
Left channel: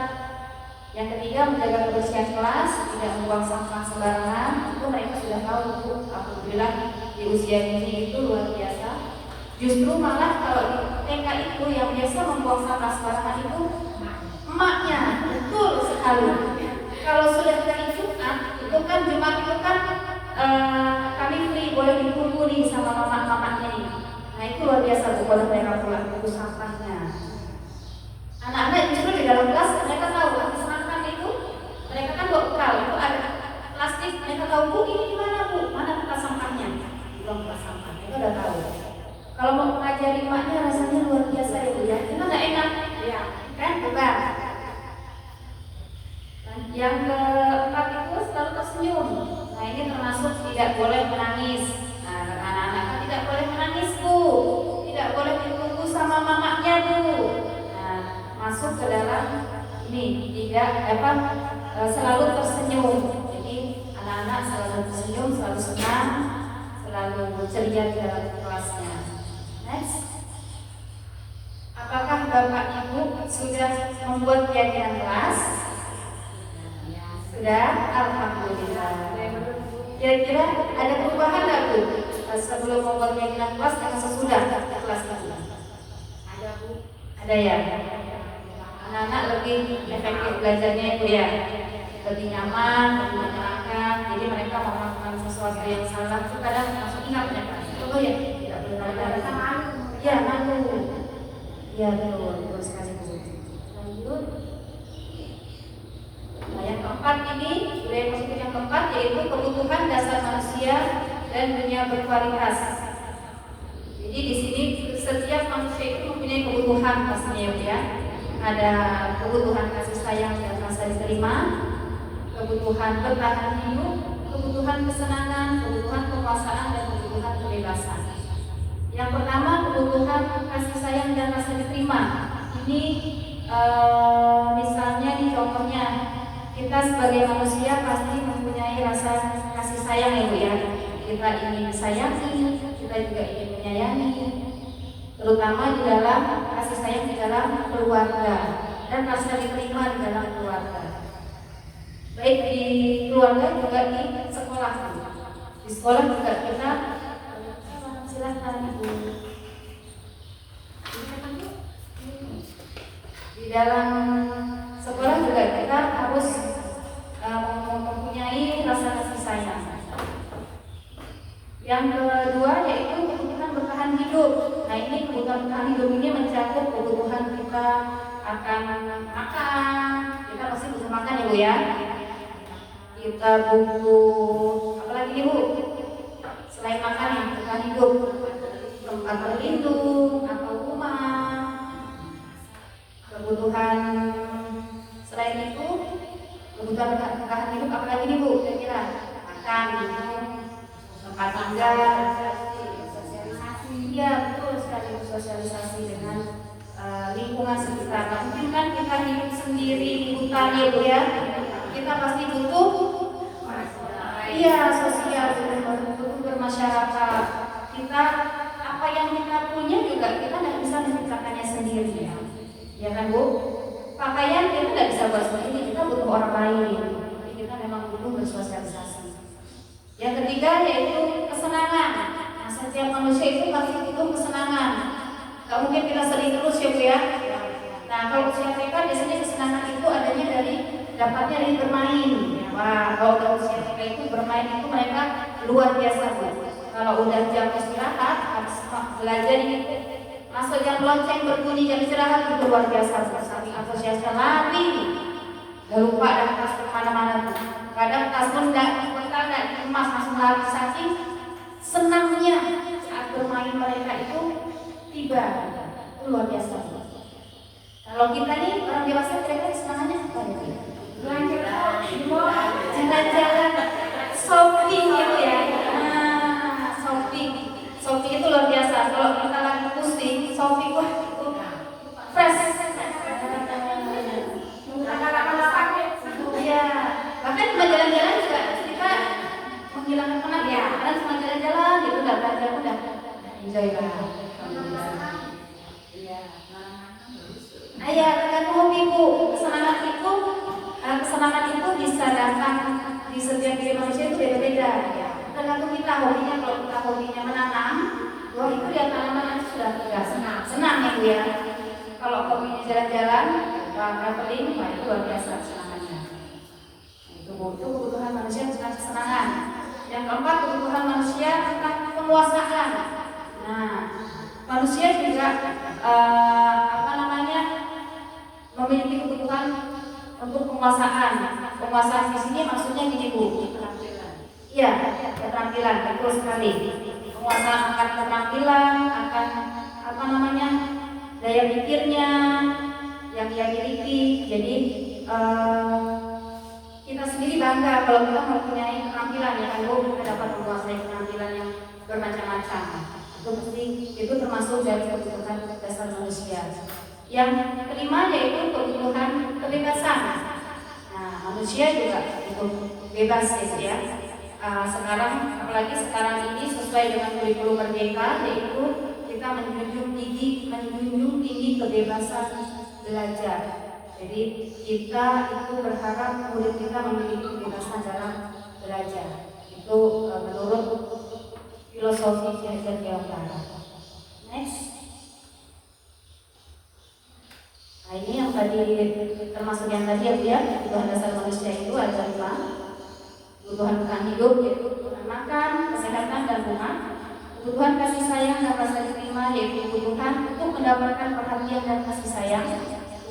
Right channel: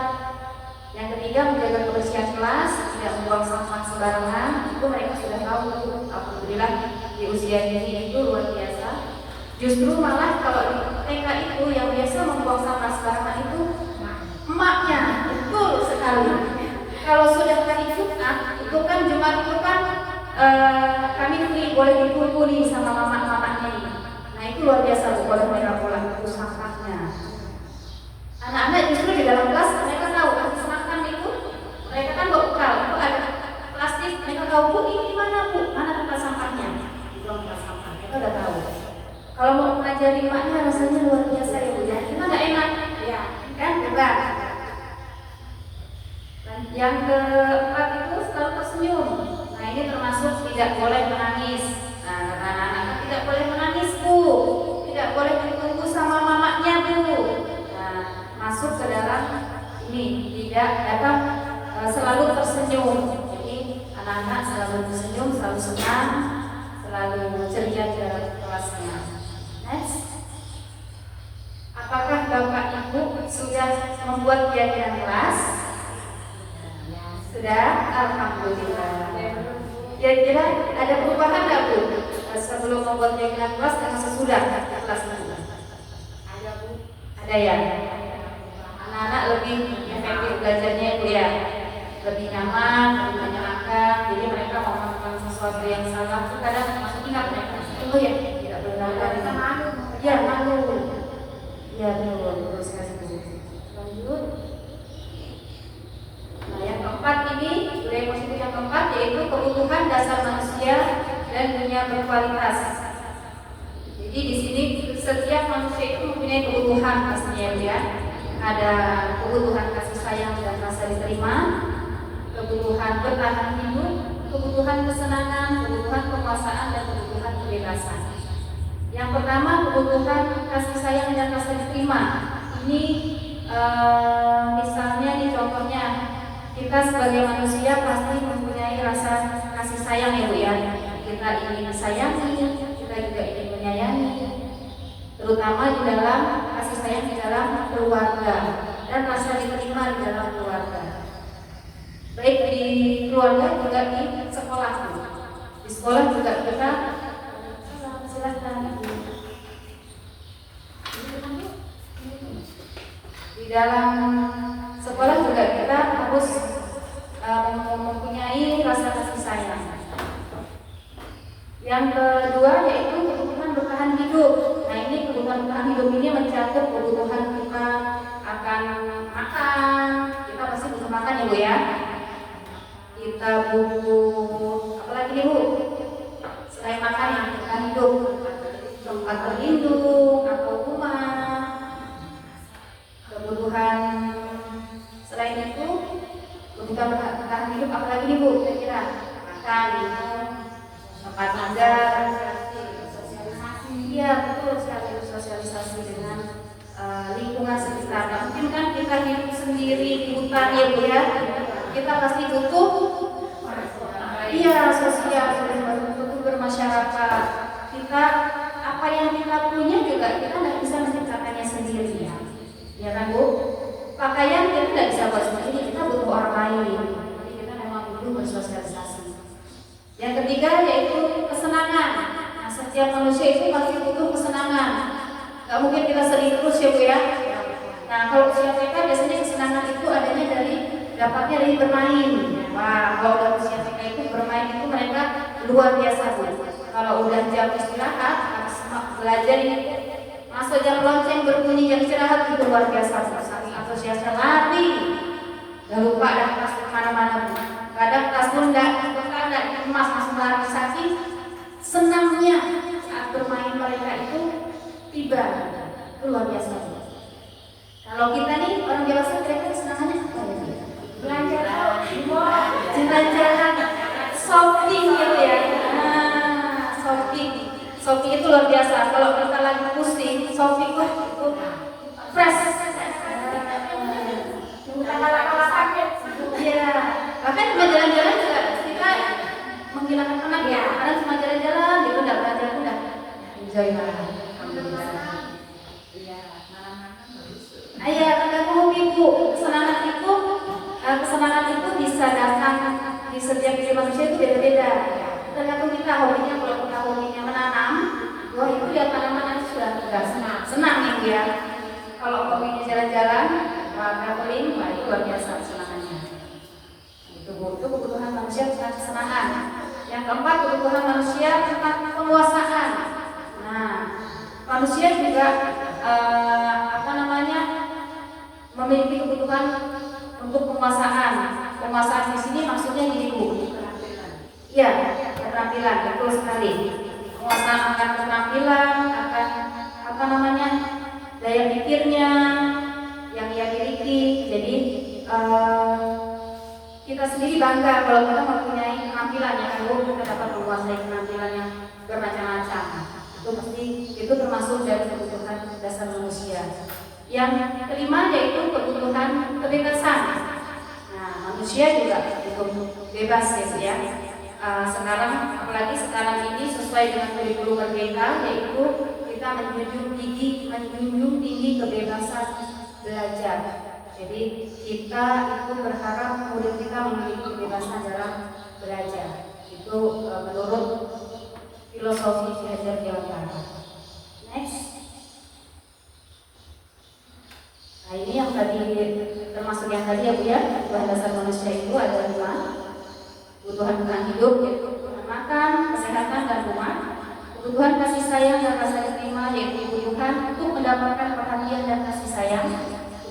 Yang ketiga, menjaga kebersihan kelas, tidak membuang sampah sembarangan. Itu mereka sudah tahu. Alhamdulillah di usia ini itu luar biasa. Justru malah kalau di TK itu yang biasa membuang sampah sembarangan itu emaknya, betul sekali. Kalau sudah hari Jumat, itu kan Jumat itu kan kami free, boleh ditunggu nih sama mama-mamanya nih. Nah itu luar biasa Bu, kalau mereka pulang itu sampahnya. Anak-anak justru di dalam kelas mereka tahu habis makan itu, mereka kan bawa bekal, itu ada plastik, mereka tahu Bu ini di mana Bu, mana tempat sampahnya, belum tempat sampah, mereka udah tahu. Kalau mau mengajari emaknya rasanya luar biasa ya Bu ya, gimana enak? Ya, kan hebat. Dan yang keempat itu selalu tersenyum. Nah ini termasuk tidak boleh menangis. Nah anak-anak tidak boleh menangis Bu, tidak boleh ditunggu sama mamanya Bu. Nah masuk ke dalam ini tidak selalu tersenyum. Jadi anak-anak selalu tersenyum, selalu senang, selalu ceria dalam kelasnya. Next. Apakah Bapak Ibu sudah membuat keyakinan kelas? Sudah? Alhamdulillah. Kira-kira ada perubahan nggak Bu sebelum membuat keyakinan kelas dengan sesudah kelas nanti? Ada Bu. Ada ya. Anak-anak lebih efektif belajarnya itu ya, lebih nyaman, lebih menyenangkan. Jadi mereka mau melakukan sesuatu yang salah itu kadang masih ingat mereka. Oh ya, tidak berulang-ulang. Ya, malu. Ya, betul sekali. Lanjut. Nah, yang keempat ini, budaya positif yang keempat yaitu kebutuhan dasar manusia dan dunia berkualitas. Jadi di sini setiap manusia itu mempunyai kebutuhan pastinya ya. Ada kebutuhan kasih sayang dan rasa diterima, kebutuhan bertahan hidup, kebutuhan kesenangan, kebutuhan kekuasaan dan kebutuhan kebebasan. Yang pertama kebutuhan kasih sayang dan rasa diterima. Ini misalnya di contohnya kita sebagai manusia pasti mempunyai rasa kasih sayang ya Bu ya. Kita ingin disayangi, kita juga ingin menyayangi, terutama di dalam kasih sayang di dalam keluarga dan rasa diterima di dalam keluarga. Baik di keluarga juga di sekolah. Di sekolah juga kita silahkan. silakan Ibu. Di dalam sekolah juga kita harus mempunyai rasa kasih sayang. Yang kedua yaitu kebutuhan bertahan hidup. Nah ini kebutuhan bertahan hidup ini mencakup kebutuhan kita akan makan. Kita pasti butuh makan ya Bu ya. Kita butuh apa lagi nih Bu? Selain makan yang bertahan hidup, tempat berlindung atau rumah. Kebutuhan selain itu, kebutuhan bertahan hidup apalagi nih Bu? Kira-kira makan, minum, tempat tinggal, sosialisasi. Iya betul sekali, sosialisasi dengan lingkungan sekitar. Mungkin kan kita hidup sendiri di hutan ya Bu ya. Kita pasti butuh sosial, butuh bermasyarakat. Kita apa yang kita punya juga kita tidak bisa menciptakannya sendiri ya. Ya kan Bu? Pakaian kita tidak bisa buat sendiri, kita butuh orang lain. Jadi kita memang butuh bersosialisasi. Yang ketiga yaitu kesenangan. Nah, setiap manusia itu pasti butuh kesenangan. Gak mungkin kita sedih terus ya Bu ya. Nah kalau usia TK biasanya kesenangan itu adanya dapatnya dari bermain. Wah kalau usia TK itu bermain itu mereka luar biasa Bu. Kalau udah jam istirahat harus belajar ini. Masuk jam lonceng berbunyi jam istirahat itu luar biasa. Saking antusiasnya lari, gak lupa dah tas kemana-mana. Kadang tas pun nggak dikemas langsung lari saking senangnya saat bermain mereka itu tiba. Itu luar biasa. Kalau kita nih orang dewasa kira-kira kesenangannya apa ya? Jalan-jalan, shopping gitu ya. Nah, shopping itu luar biasa. Kalau kita lagi pusing, shopping itu fresh. Iya. Bahkan cuma jalan-jalan juga kita menghilangkan penat ya. Karena cuma jalan-jalan gitu udah belajar udah enjoy banget. Alhamdulillah. Iya. Iya, tergantung hobi Bu. Kesenangan itu bisa datang di setiap diri manusia itu beda-beda. Tergantung kita hobinya. Kalau kita hobinya menanam, wah itu ya tanaman itu sudah senang ya Bu ya. Kalau hobinya jalan-jalan, traveling, wah itu luar biasa kesenangannya. Itu kebutuhan manusia tentang kesenangan. Yang keempat kebutuhan manusia tentang penguasaan. Nah, manusia juga memiliki kebutuhan untuk penguasaan. Penguasaan di sini maksudnya gini Bu. Ya, keterampilan, betul sekali. Penguasaan akan keterampilan, akan daya pikirnya yang dia miliki. Jadi kita sendiri bangga kalau kita mempunyai keterampilan ya kan Bu, kita dapat menguasai keterampilan yang bermacam-macam. Itu termasuk dari kebutuhan dasar manusia. Yang kelima yaitu kebutuhan kebebasan. Nah, manusia juga cukup bebas gitu ya. Sekarang, apalagi sekarang ini sesuai dengan kurikulum merdeka, yaitu kita menjunjung tinggi kebebasan belajar. Jadi kita itu berharap murid kita memiliki kebebasan dalam belajar. Itu menurut filosofi belajar dewasa. Next. Nah ini yang tadi termasuk yang tadi ya Bu ya, kebutuhan dasar manusia itu ada dua. Kebutuhan bertahan hidup yaitu kebutuhan makan, kesehatan dan rumah. Kebutuhan kasih sayang dan rasa diterima yaitu kebutuhan untuk mendapatkan perhatian dan kasih sayang.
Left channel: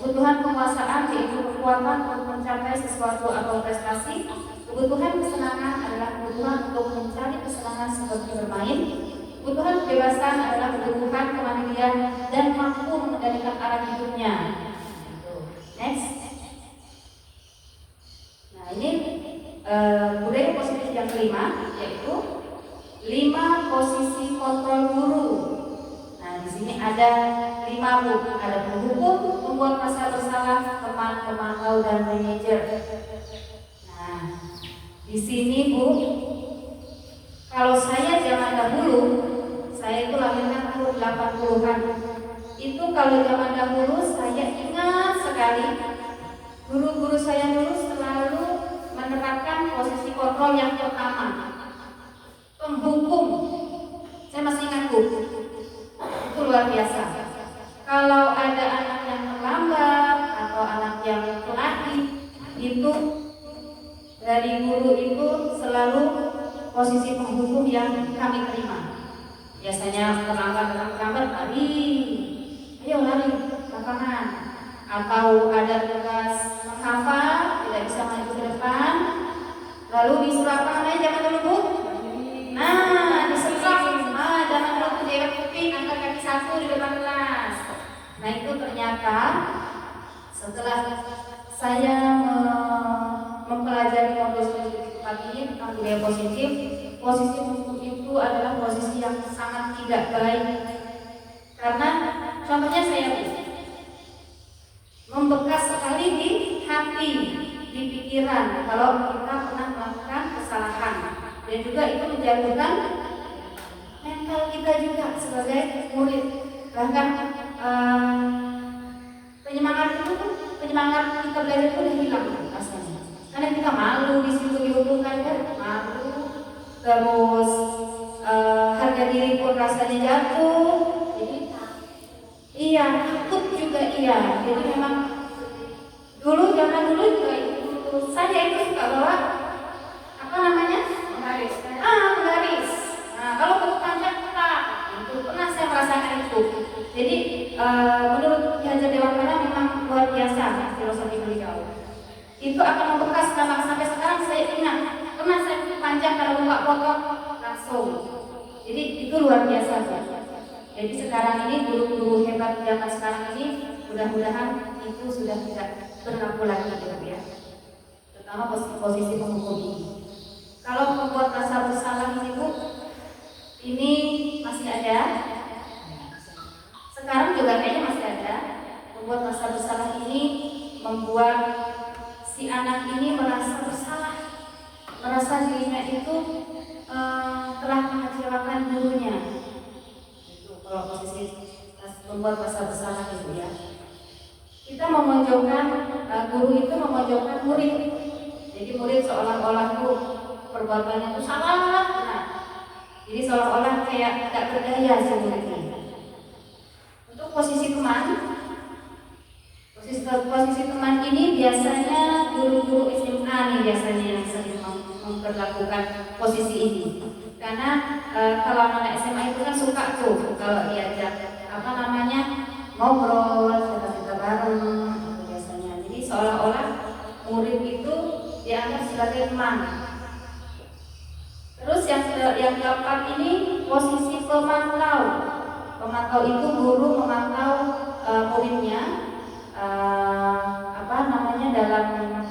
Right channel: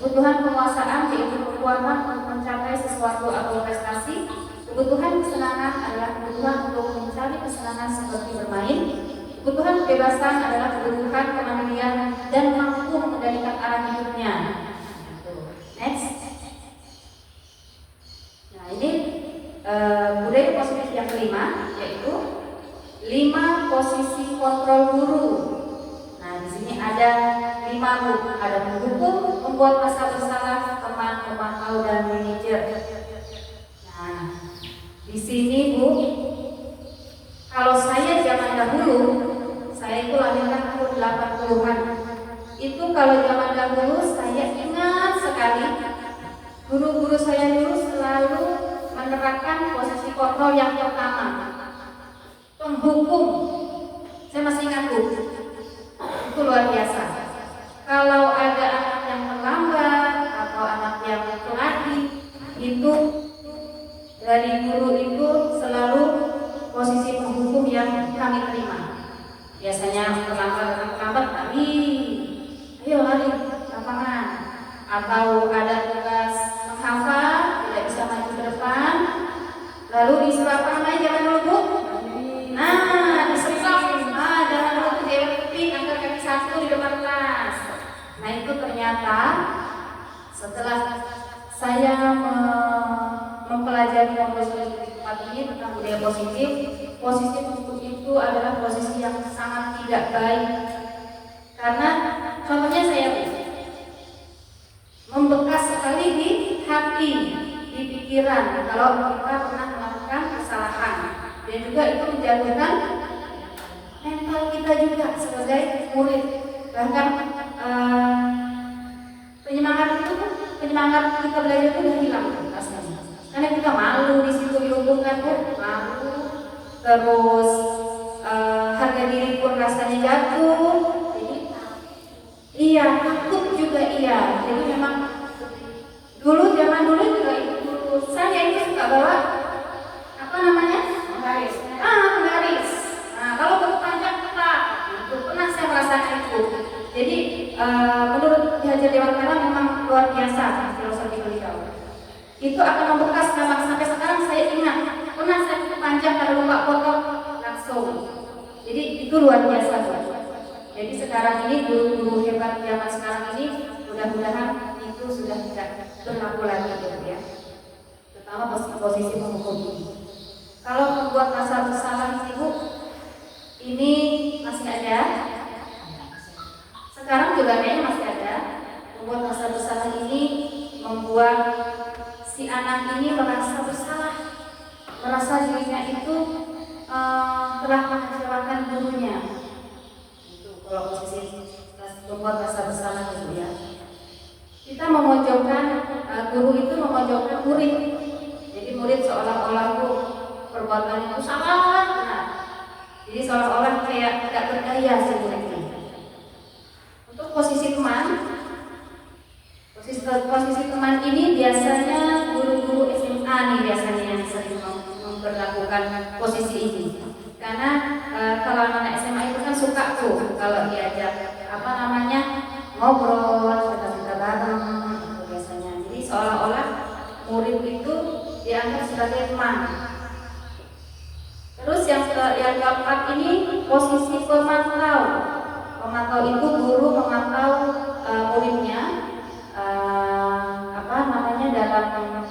Kebutuhan penguasaan yaitu kekuatan untuk mencapai sesuatu atau prestasi. Kebutuhan kesenangan adalah kebutuhan untuk mencari kesenangan seperti bermain. Kebutuhan kebebasan adalah kebutuhan kemandirian dan mampu mengendalikan arah hidupnya. Next. Nah ini budaya positif yang kelima yaitu 5 posisi kontrol guru. Nah di sini ada 5 Bu, ada menghukum, membuat merasa bersalah, teman, pemantau dan manajer. Nah di sini Bu, kalau saya zaman dahulu, saya itu lahirkan tahun 80-an. Itu kalau zaman dahulu saya ingat sekali guru-guru saya dulu selalu menerapkan posisi kontrol yang pertama, penghukum. Saya masih ingat Bu, dari guru itu selalu posisi penghukum yang kami terima. Biasanya terlambat lari, ayo lari lapangan, atau ada tugas menghafal tidak bisa maju ke depan, lalu disuruh lapangan aja jangan dulu Bu. Nah, disetrap, jangan dulu jewet keping, angkat kaki satu di depan kelas. Nah itu ternyata setelah saya mempelajari kompetensi ini tentang budaya positif, posisi hukum itu adalah posisi yang sangat tidak baik. Karena contohnya saya membekas sekali di hati, di pikiran kalau kita pernah melakukan kesalahan, dan juga itu menjatuhkan mental kita juga sebagai murid. Bahkan penyemangat kita belajar itu udah hilang rasanya. Karena kita malu di situ dihubungkan, malu, terus harga diri pun rasanya jatuh. Jadi iya, takut juga iya. Jadi memang zaman dulu juga saya itu suka bawa apa namanya? Garis. Garis. Nah, kalau berpanjang ketat, itu pernah saya merasakan itu. Jadi menurut Ki Hajar Dewantara memang luar biasa filosofi beliau. Itu akan membekas sampai sekarang saya ingat. Pernah saya panjang kalau lupa foto langsung. Jadi itu luar biasa. Jadi sekarang ini guru-guru hebat zaman sekarang ini mudah-mudahan itu sudah tidak berlaku lagi gitu ya. Terutama posisi penghukum ini. Kalau membuat rasa bersalah ini Bu, ini masih ada. Sekarang juga kayaknya masih ada. Membuat rasa bersalah ini membuat si anak ini merasa bersalah, merasa dirinya itu telah mengecewakan gurunya. Itu kalau posisi membuat rasa bersalah itu ya. Kita memojokkan guru itu memojokkan murid. Jadi murid seolah-olah itu perbuatannya itu salah. Nah, jadi seolah-olah kayak tidak berdaya si murid ini. Untuk posisi teman ini biasanya guru-guru SMA nih biasanya yang sering memperlakukan posisi ini. Karena kalau anak SMA itu kan suka tuh kalau diajak ngobrol, cerita-cerita bareng itu biasanya. Jadi seolah-olah murid itu dianggap sebagai teman. Terus yang keempat ini posisi pemantau. Pemantau itu guru memantau muridnya dalam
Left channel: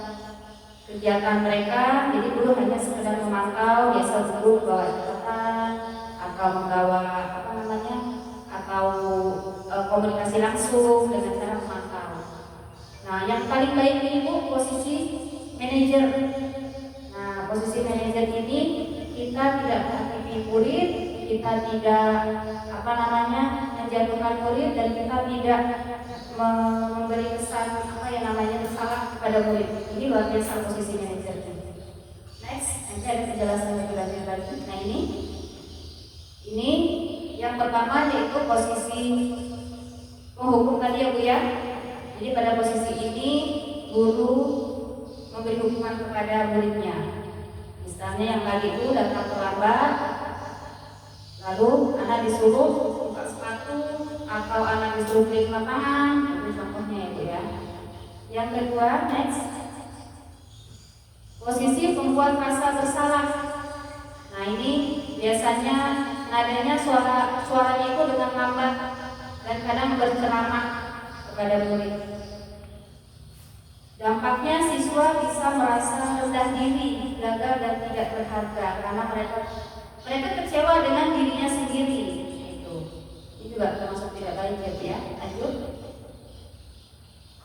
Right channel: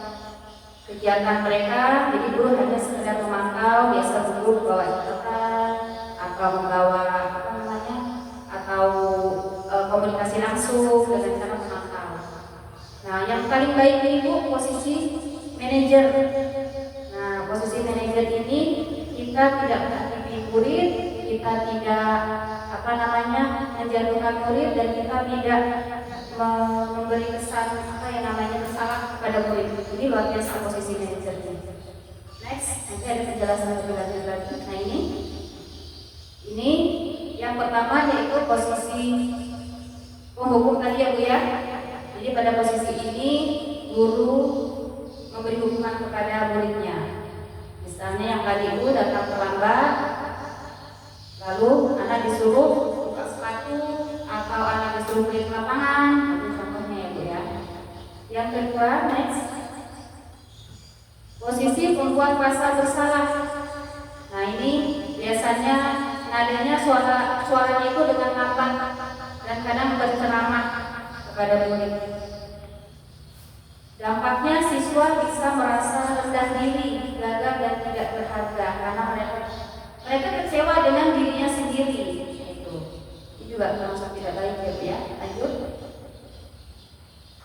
kegiatan mereka. Jadi guru hanya sekedar memantau, biasa guru bawa catatan atau membawa atau komunikasi langsung dengan cara memantau. Nah, yang paling baik itu posisi manajer. Nah, posisi manajer ini kita tidak menghakimi murid, kita tidak menjatuhkan murid, dan kita tidak memberi kesan bersalah kepada murid. Ini luar biasa posisi manajernya. Next, nanti ada penjelasan lebih lanjut lagi. Nah, ini yang pertama yaitu posisi penghukum tadi ya Bu ya. Jadi pada posisi ini guru memberi hukuman kepada muridnya. Misalnya yang tadi Bu datang terlambat, lalu anak disuruh buka sepatu atau anak disuruh keliling lapangan, itu contohnya ya Bu ya. Yang kedua, next, posisi pembuat rasa bersalah. Nah, ini biasanya nadanya suaranya itu dengan lambat dan kadang berceramah kepada murid. Dampaknya siswa bisa merasa rendah diri, gagal dan tidak berharga karena mereka kecewa dengan dirinya sendiri. Itu juga termasuk tidak baik ya. Lanjut.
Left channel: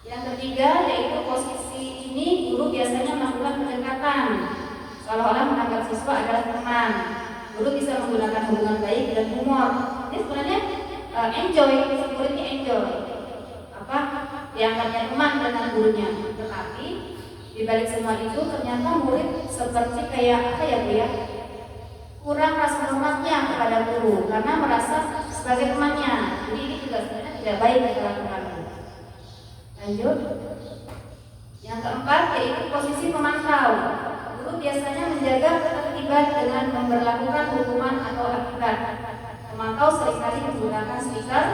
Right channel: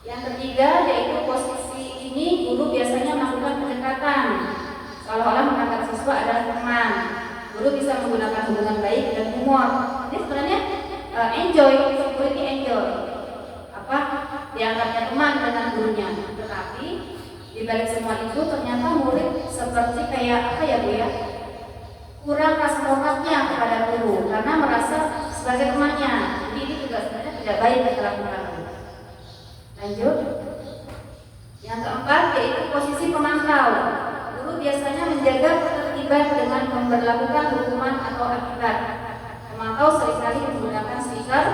Yang ketiga yaitu posisi ini guru biasanya melakukan pendekatan, seolah-olah menganggap siswa adalah teman. Guru bisa menggunakan hubungan baik dan humor. Ini sebenarnya enjoy, murid ini enjoy. Dianggapnya teman dengan gurunya. Tetapi di balik semua itu ternyata murid seperti kayak Bu ya, kurang rasa hormatnya kepada guru karena merasa sebagai temannya. Jadi ini juga sebenarnya tidak baik dilakukan. Lanjut. Yang keempat yaitu posisi pemantau. biasanya menjaga ketertiban dengan memberlakukan hukuman atau akibat. Memantau seringkali menggunakan stiker,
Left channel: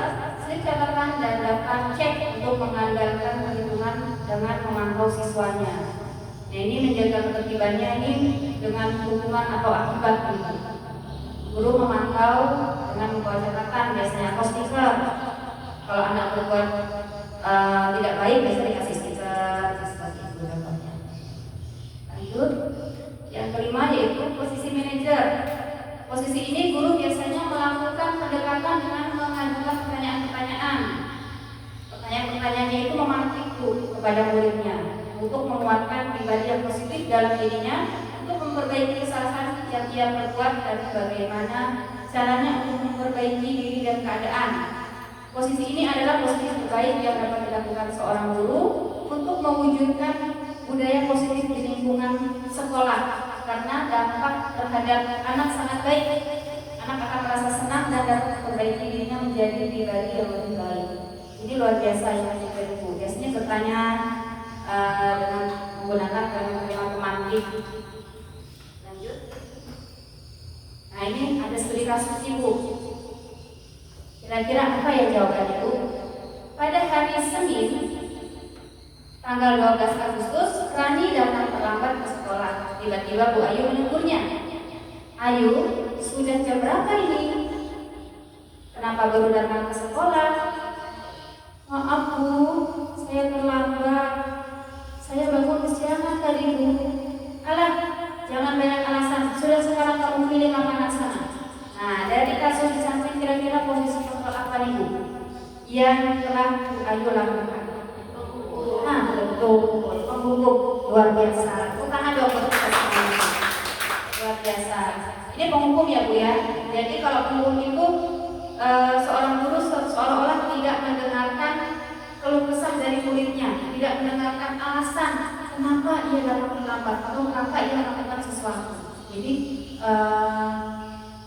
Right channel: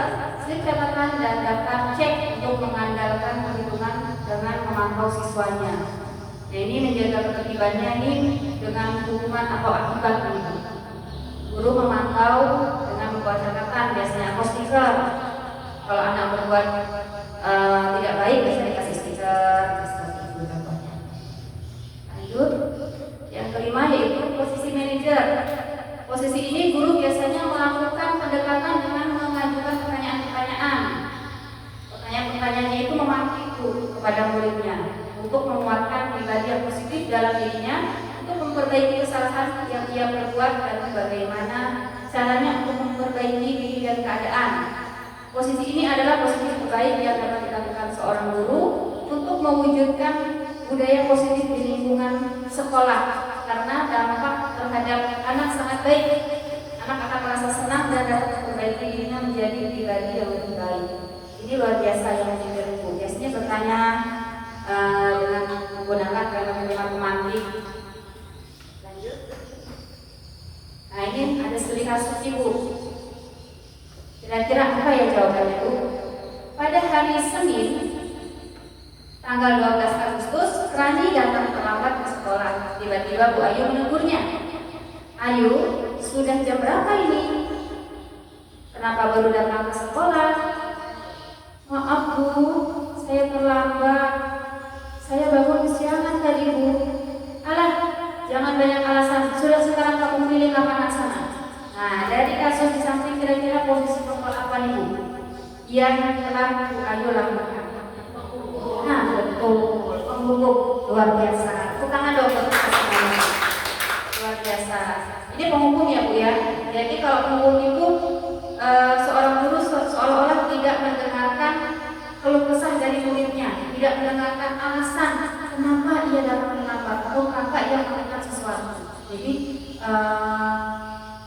slip catatan, dan daftar cek untuk mengandalkan perhitungan dengan memantau siswanya. Jadi ini menjaga ketertibannya ini dengan hukuman atau akibat. Guru memantau dengan membuat catatan biasanya atau stiker. Kalau anak berbuat tidak baik biasanya dikasih stiker seperti itu contohnya. Lanjut, yang kelima yaitu posisi manajer. Posisi ini guru biasanya melakukan pendekatan dengan mengajukan pertanyaan-pertanyaan. Pertanyaan-pertanyaannya itu memacu kepada muridnya untuk menguatkan pribadi yang positif dalam dirinya, untuk memperbaiki kesalahan yang ia perbuat dan bagaimana caranya untuk memperbaiki diri dan keadaan. Posisi ini adalah posisi terbaik yang dapat dilakukan seorang guru untuk mewujudkan budaya positif di lingkungan sekolah, karena dampak terhadap anak sangat baik. Anak akan merasa senang dan dapat memperbaiki dirinya menjadi pribadi yang lebih baik. Ini luar biasa yang ibu. Biasanya bertanya dengan menggunakan kalimat pemantik. Lanjut. Nah ini ada studi kasus ibu. Kira-kira apa ya jawabannya Bu? Pada hari Senin tanggal 12 Agustus, Rani datang terlambat ke sekolah. Tiba-tiba Bu Ayu menegurnya. Ayu, sudah jam berapa ini? Kenapa baru datang ke sekolah? Maaf Bu, saya terlambat. Saya bangun kesiangan tadi Bu. Alah, jangan banyak alasan. Sudah sekarang kamu pilih lapangan sana. Nah, dari kasus di samping kira-kira posisi kontrol apa nih Bu? Yang telah Bu Ayu lakukan. Nah, betul. Penghubung luar biasa. Tangan dong untuk semuanya. Luar biasa. Ini penghubung ya Bu ya. Jadi kalau penghubung itu seorang guru seolah-olah tidak mendengarkan keluh kesah dari muridnya, tidak mendengarkan alasan kenapa ia datang terlambat atau kenapa ia melakukan sesuatu. Jadi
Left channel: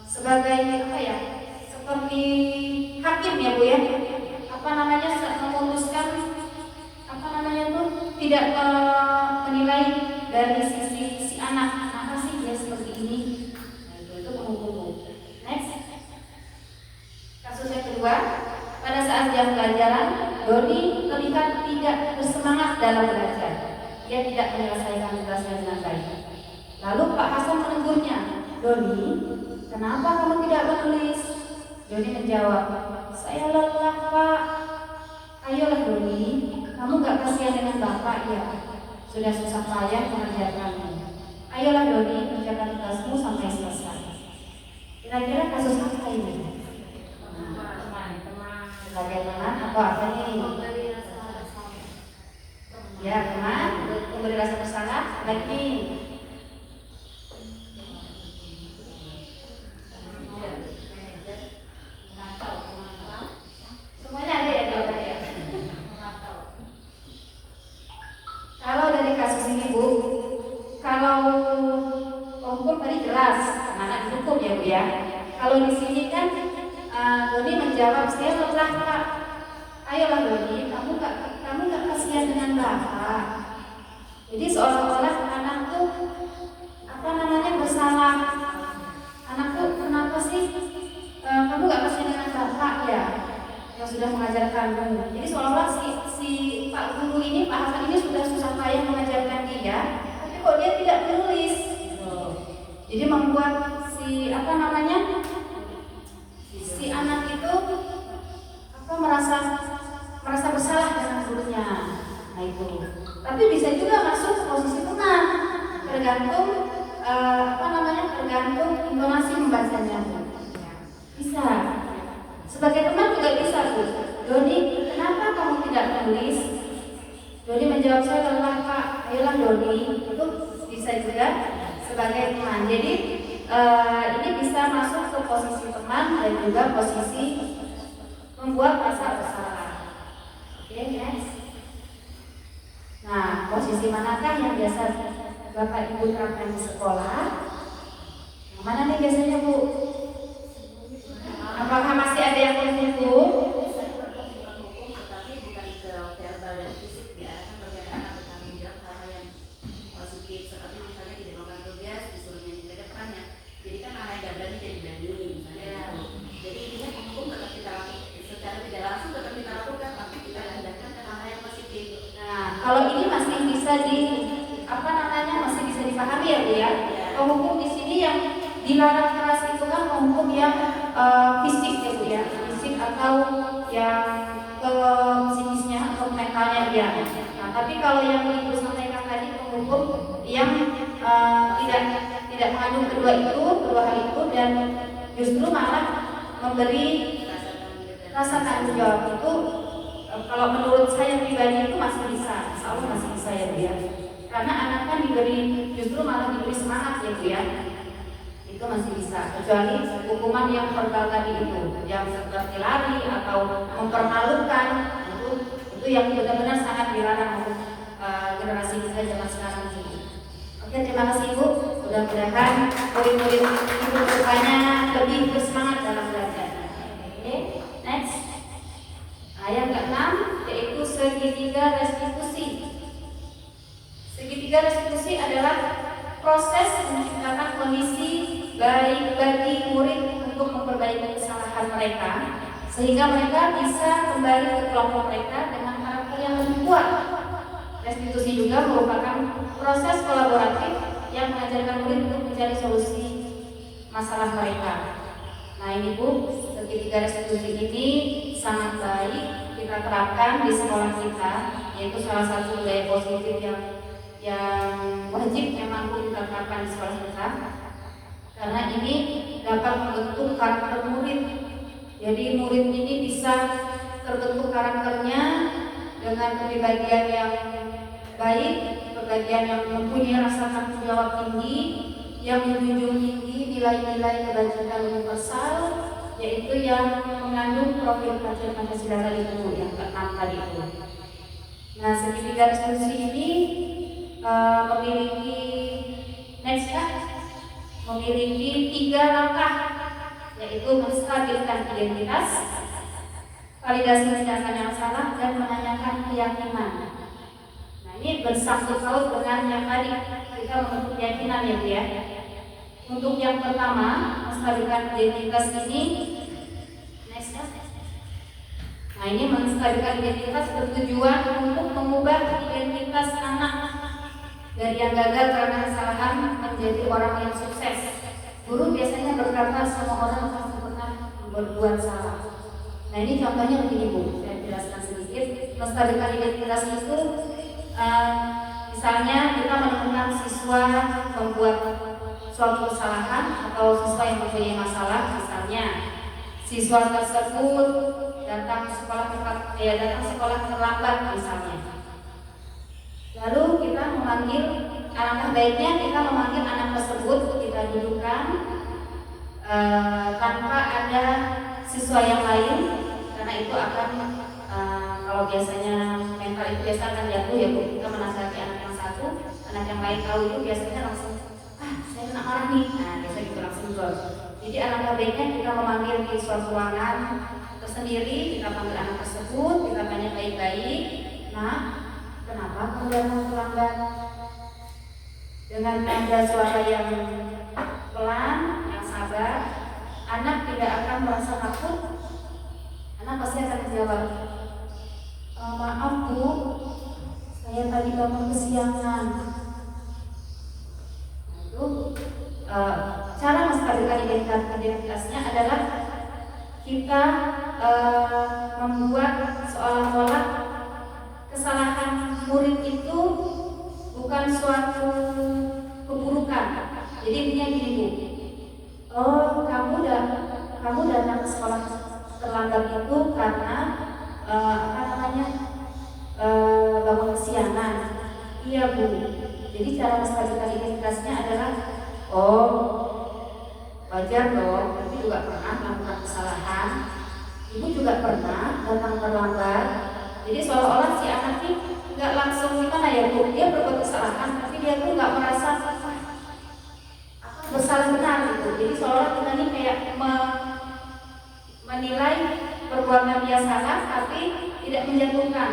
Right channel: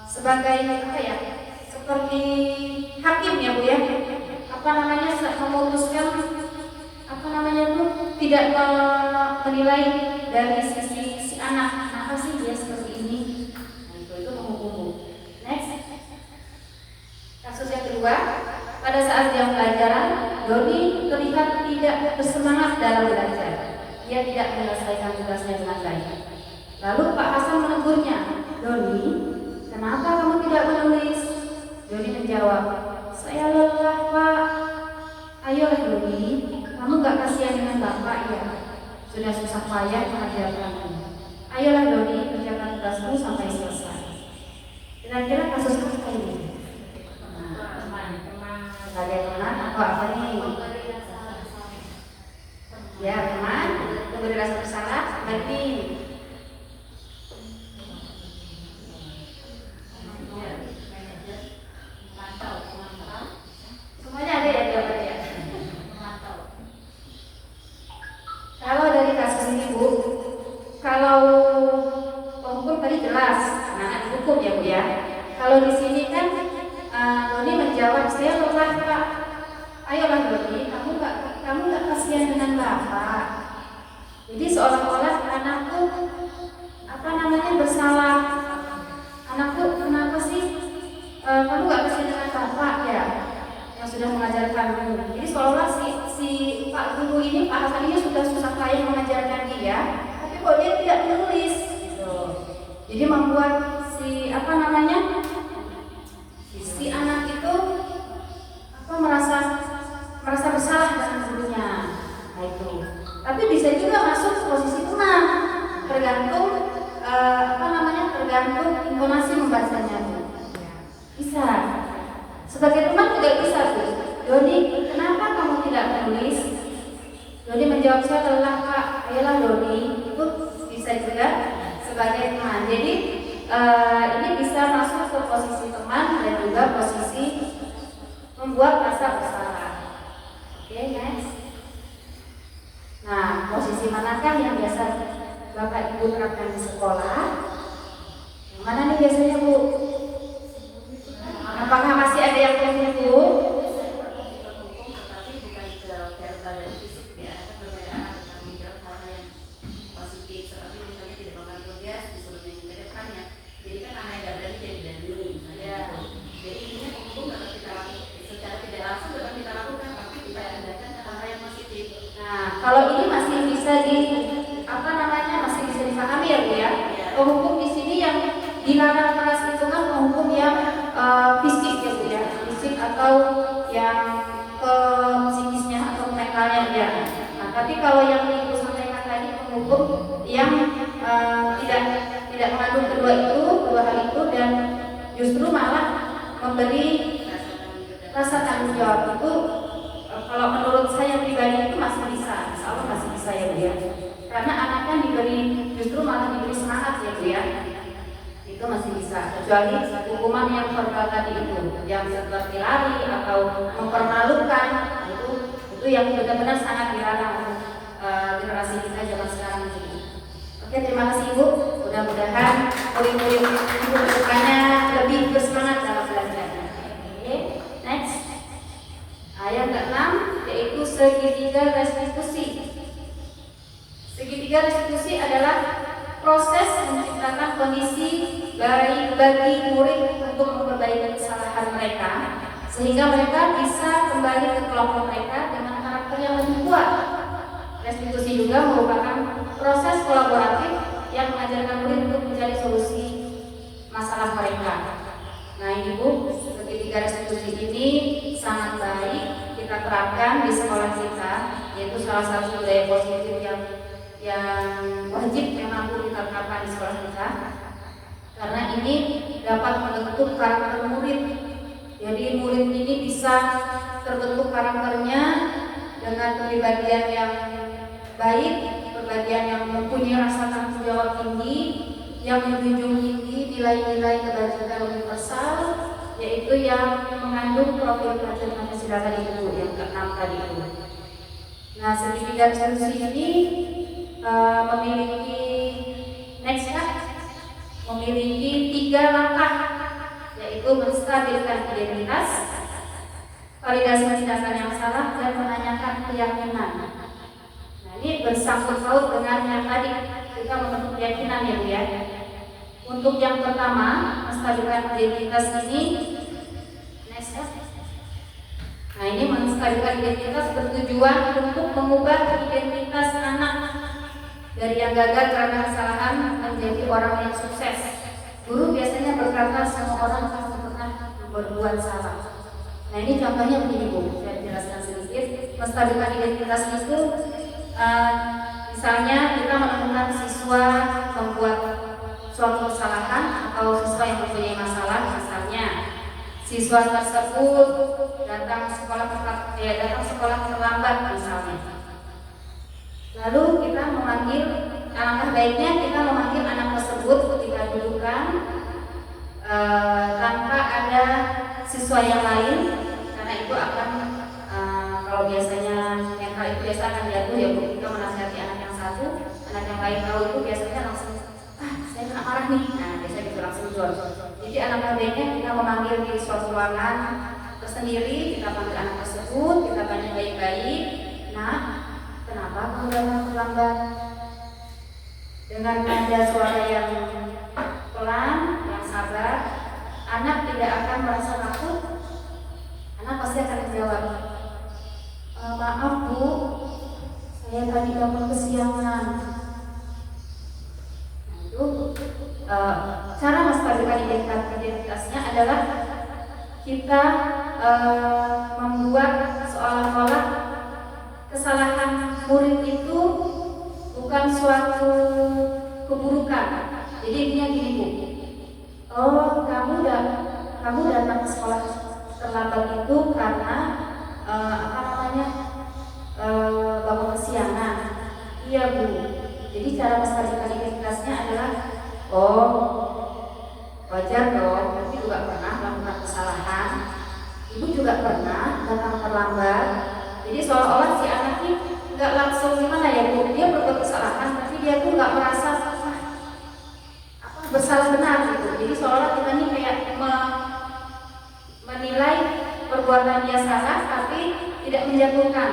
sebagai apa ya, seperti hakim ya Bu ya, apa namanya, memutuskan apa namanya tuh, tidak menilai dari sisi si anak, kenapa sih dia seperti ini. Nah itu menghubung. Next, kasus yang kedua, pada saat jam pelajaran Doni terlihat tidak bersemangat dalam belajar. Ia tidak menyelesaikan tugasnya dengan baik. Lalu Pak Hasan menegurnya, Doni, kenapa kamu tidak menulis? Doni menjawab, saya lelah Pak. Ayolah Doni, kamu gak kasihan dengan Bapak ya? Sudah susah payah mengajarkanmu. Ayolah Doni, kerjakan tugasmu sampai selesai. Kira-kira kasus apa ini? Sebagai teman atau apa nih? Ya teman, memberi rasa bersalah. Berarti semuanya ada ya jawabannya. Kalau dari kasus ini Bu, kalau hukum tadi jelas, anak dihukum ya Bu ya. Kalau di sini kan Doni menjawab, saya lelah Pak. Ayolah Doni, kamu nggak kasihan dengan Bapak. Jadi seolah-olah anakku apa namanya bersalah. Anakku kenapa sih kamu nggak kasihan dengan Bapak ya yang sudah mengajarkanmu. Jadi seolah-olah si Pak Guru ini, Pak Hasan ini sudah susah payah mengajarkan dia, tapi kok dia tidak menulis. Jadi membuat si apa namanya, si anak itu merasa bersalah dengan gurunya. Nah itu. Tapi bisa juga masuk posisi tenang, tergantung tergantung intonasi membacanya. Bisa. Sebagai teman juga bisa Bu. Doni, kenapa kamu tidak menulis? Doni menjawab, saya lelah Pak. Ayolah Doni. Itu bisa juga sebagai teman. Jadi ini bisa masuk ke posisi teman dan juga posisi membuat rasa bersalah. Oke, next. Nah, posisi manakah yang biasa Bapak Ibu terapkan di sekolah? Yang mana nih biasanya Bu? Apakah masih ada yang tertentu? Tapi bukan ke verbal dan fisik ya, berbeda anak bertanggung jawab hal yang positif, seperti misalnya tidak makan dilarang keras itu kan hukum yang fisik ya Bu ya, fisik atau yang ke psikisnya atau mentalnya dia. Nah, tapi kalau yang Ibu sampaikan tadi menghukum yang tidak mengandung kedua hal itu dan justru malah memberi rasa tanggung jawab itu, kalau menurut saya pribadi itu masih bisa, insya Allah masih bisa ya Bu ya. Karena anaknya justru malah diberi semangat ya Bu ya. Itu masih bisa, kecuali hukuman yang verbal tadi itu, yang seperti lari atau mempermalukan, itu yang benar-benar sangat dilarang untuk generasi kita zaman sekarang ini. Oke, terima kasih Ibu. Mudah-mudahan murid-murid Ibu kedepannya lebih bersemangat dalam belajarnya. Oke, next. Yang ke-6 yaitu segitiga restitusi. Segitiga restitusi adalah proses menciptakan kondisi baik bagi murid untuk memperbaiki kesalahan mereka sehingga mereka bisa kembali ke kelompok mereka dengan karakter yang lebih kuat. Restitusi juga merupakan proses kolaboratif yang mengajarkan murid untuk mencari solusi masalah mereka. Nah ini Bu, segitiga restitusi ini sangat baik kita terapkan di sekolah kita, yaitu salah satu budaya positif yang wajib memang kita terapkan di sekolah kita. Karena ini dapat membentuk karakter murid. Jadi murid ini bisa terbentuk karakternya dengan kepribadian yang baik, kepribadian yang mempunyai rasa tanggung jawab tinggi, yang menjunjung tinggi nilai-nilai kebajikan universal, yaitu yang mengandung profil Prajurit Pancasila tadi itu, yang ke-6 tadi itu. Nah, segitiga restitusi ini memiliki memiliki 3 langkah, yaitu menstabilkan identitas, validasi tindakan yang salah, dan menanyakan keyakinan. Nah ini bersangkut paut dengan yang tadi kita membentuk keyakinan ya Bu ya. Untuk yang pertama, menstabilkan identitas ini, nah ini menstabilkan identitas bertujuan untuk mengubah identitas anak dari yang gagal karena kesalahan menjadi orang yang sukses. Guru biasanya berkata semua orang pasti pernah berbuat salah. Nah ini contohnya begini Bu, saya jelaskan sedikit. Menstabilkan identitas itu, misalnya kita menemukan siswa membuat suatu kesalahan atau siswa yang mempunyai masalah, misalnya siswa tersebut datang sekolah terlambat misalnya. Lalu kita memanggil, alangkah baiknya kita memanggil anak tersebut, kita dudukkan tanpa ada siswa yang lain, karena itu akan kalau biasanya mental itu biasa akan jatuh ya Bu. Kita menasihati anak yang satu, anak yang lain tahu itu biasanya langsung saya kena marah nih. Nah biasanya gitu langsung jual. Jadi alangkah baiknya kita memanggil di suatu ruangan tersendiri, kita panggil anak tersebut, kita tanya baik-baik, nah kenapa kamu datang terlambat? Dengan nada suara yang pelan, yang sabar, anak tidak akan merasa takut. Anak pasti akan menjawab, maaf Bu, saya tadi bangun kesiangan. Nah, itu cara menstabilkan identitasnya adalah kita membuat seolah-olah kesalahan murid itu bukan suatu keburukan. Jadi intinya gini Bu, oh kamu datang ke sekolah terlambat itu karena bangun kesiangan. Iya Bu. Jadi cara menstabilkan identitasnya adalah, oh wajar dong, Ibu juga pernah melakukan kesalahan, Ibu juga pernah datang terlambat. Jadi seolah-olah si anak ini nggak langsung gimana ya Bu, dia berbuat kesalahan tapi dia tuh nggak merasa bersalah benar gitu. Jadi seolah-olah kita ini kayak menilai perbuatan dia salah tapi tidak menjatuhkan.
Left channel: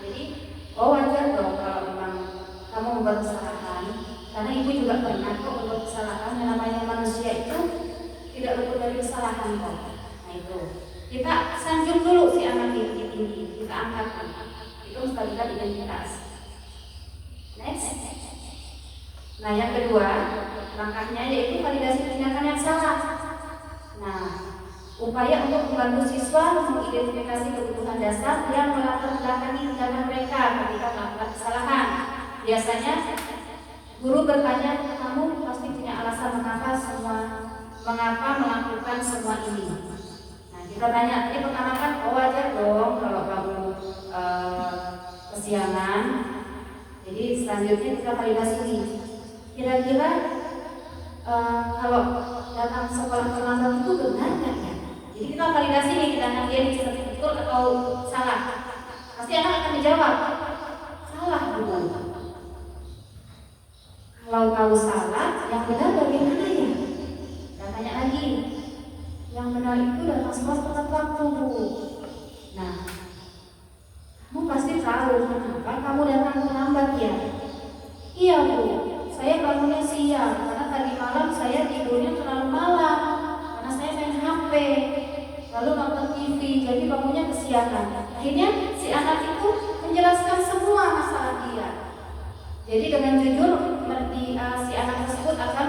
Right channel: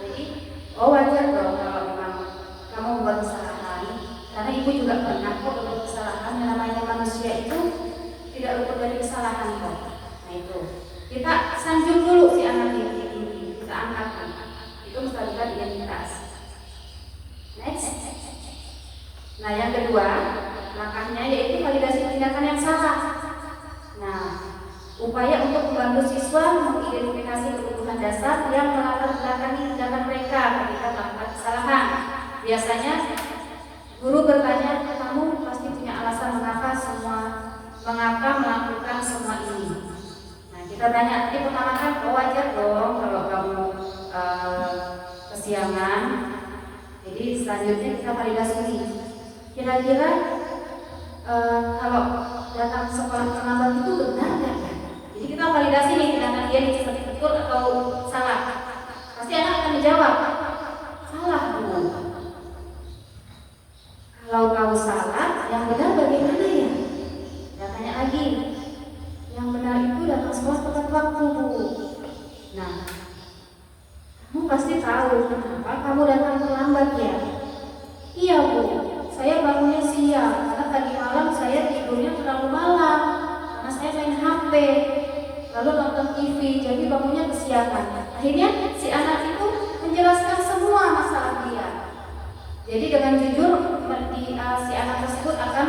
Jadi oh wajar dong kalau memang kamu membuat kesalahan, karena Ibu juga pernah kok berbuat kesalahan. Yang namanya manusia itu tidak luput dari kesalahan kok. Nah itu kita sanjung dulu si anak ini, kita angkat, itu menstabilkan identitas. Next. Nah yang kedua langkahnya yaitu validasi tindakan yang salah. Nah, upaya untuk membantu siswa mengidentifikasi kebutuhan dasar yang melatar belakangi tindakan mereka ketika melakukan kesalahan. Biasanya guru bertanya, kamu pasti punya alasan mengapa melakukan semua ini. Nah, kita tanya, jadi pertama kan wajar dong kalau kamu kesiangan. Jadi selanjutnya kita validasi ini. Kira-kira kalau datang sekolah terlambat itu benar nggak ya? Jadi kita validasi nih, tindakan dia seperti betul atau salah. Pasti anak akan menjawab, salah Bu. Kalau tahu salah, yang benar bagaimana ya? Dan tanya lagi, yang benar itu datang sekolah tepat waktu Bu. Nah, kamu pasti tahu kenapa kamu datang terlambat ya? Iya Bu, saya bangunnya siang karena tadi malam saya tidurnya terlalu malam karena saya main HP lalu nonton TV, jadi bangunnya kesiangan. Akhirnya si anak itu menjelaskan semua masalah dia. Jadi dengan jujur si anak tersebut akan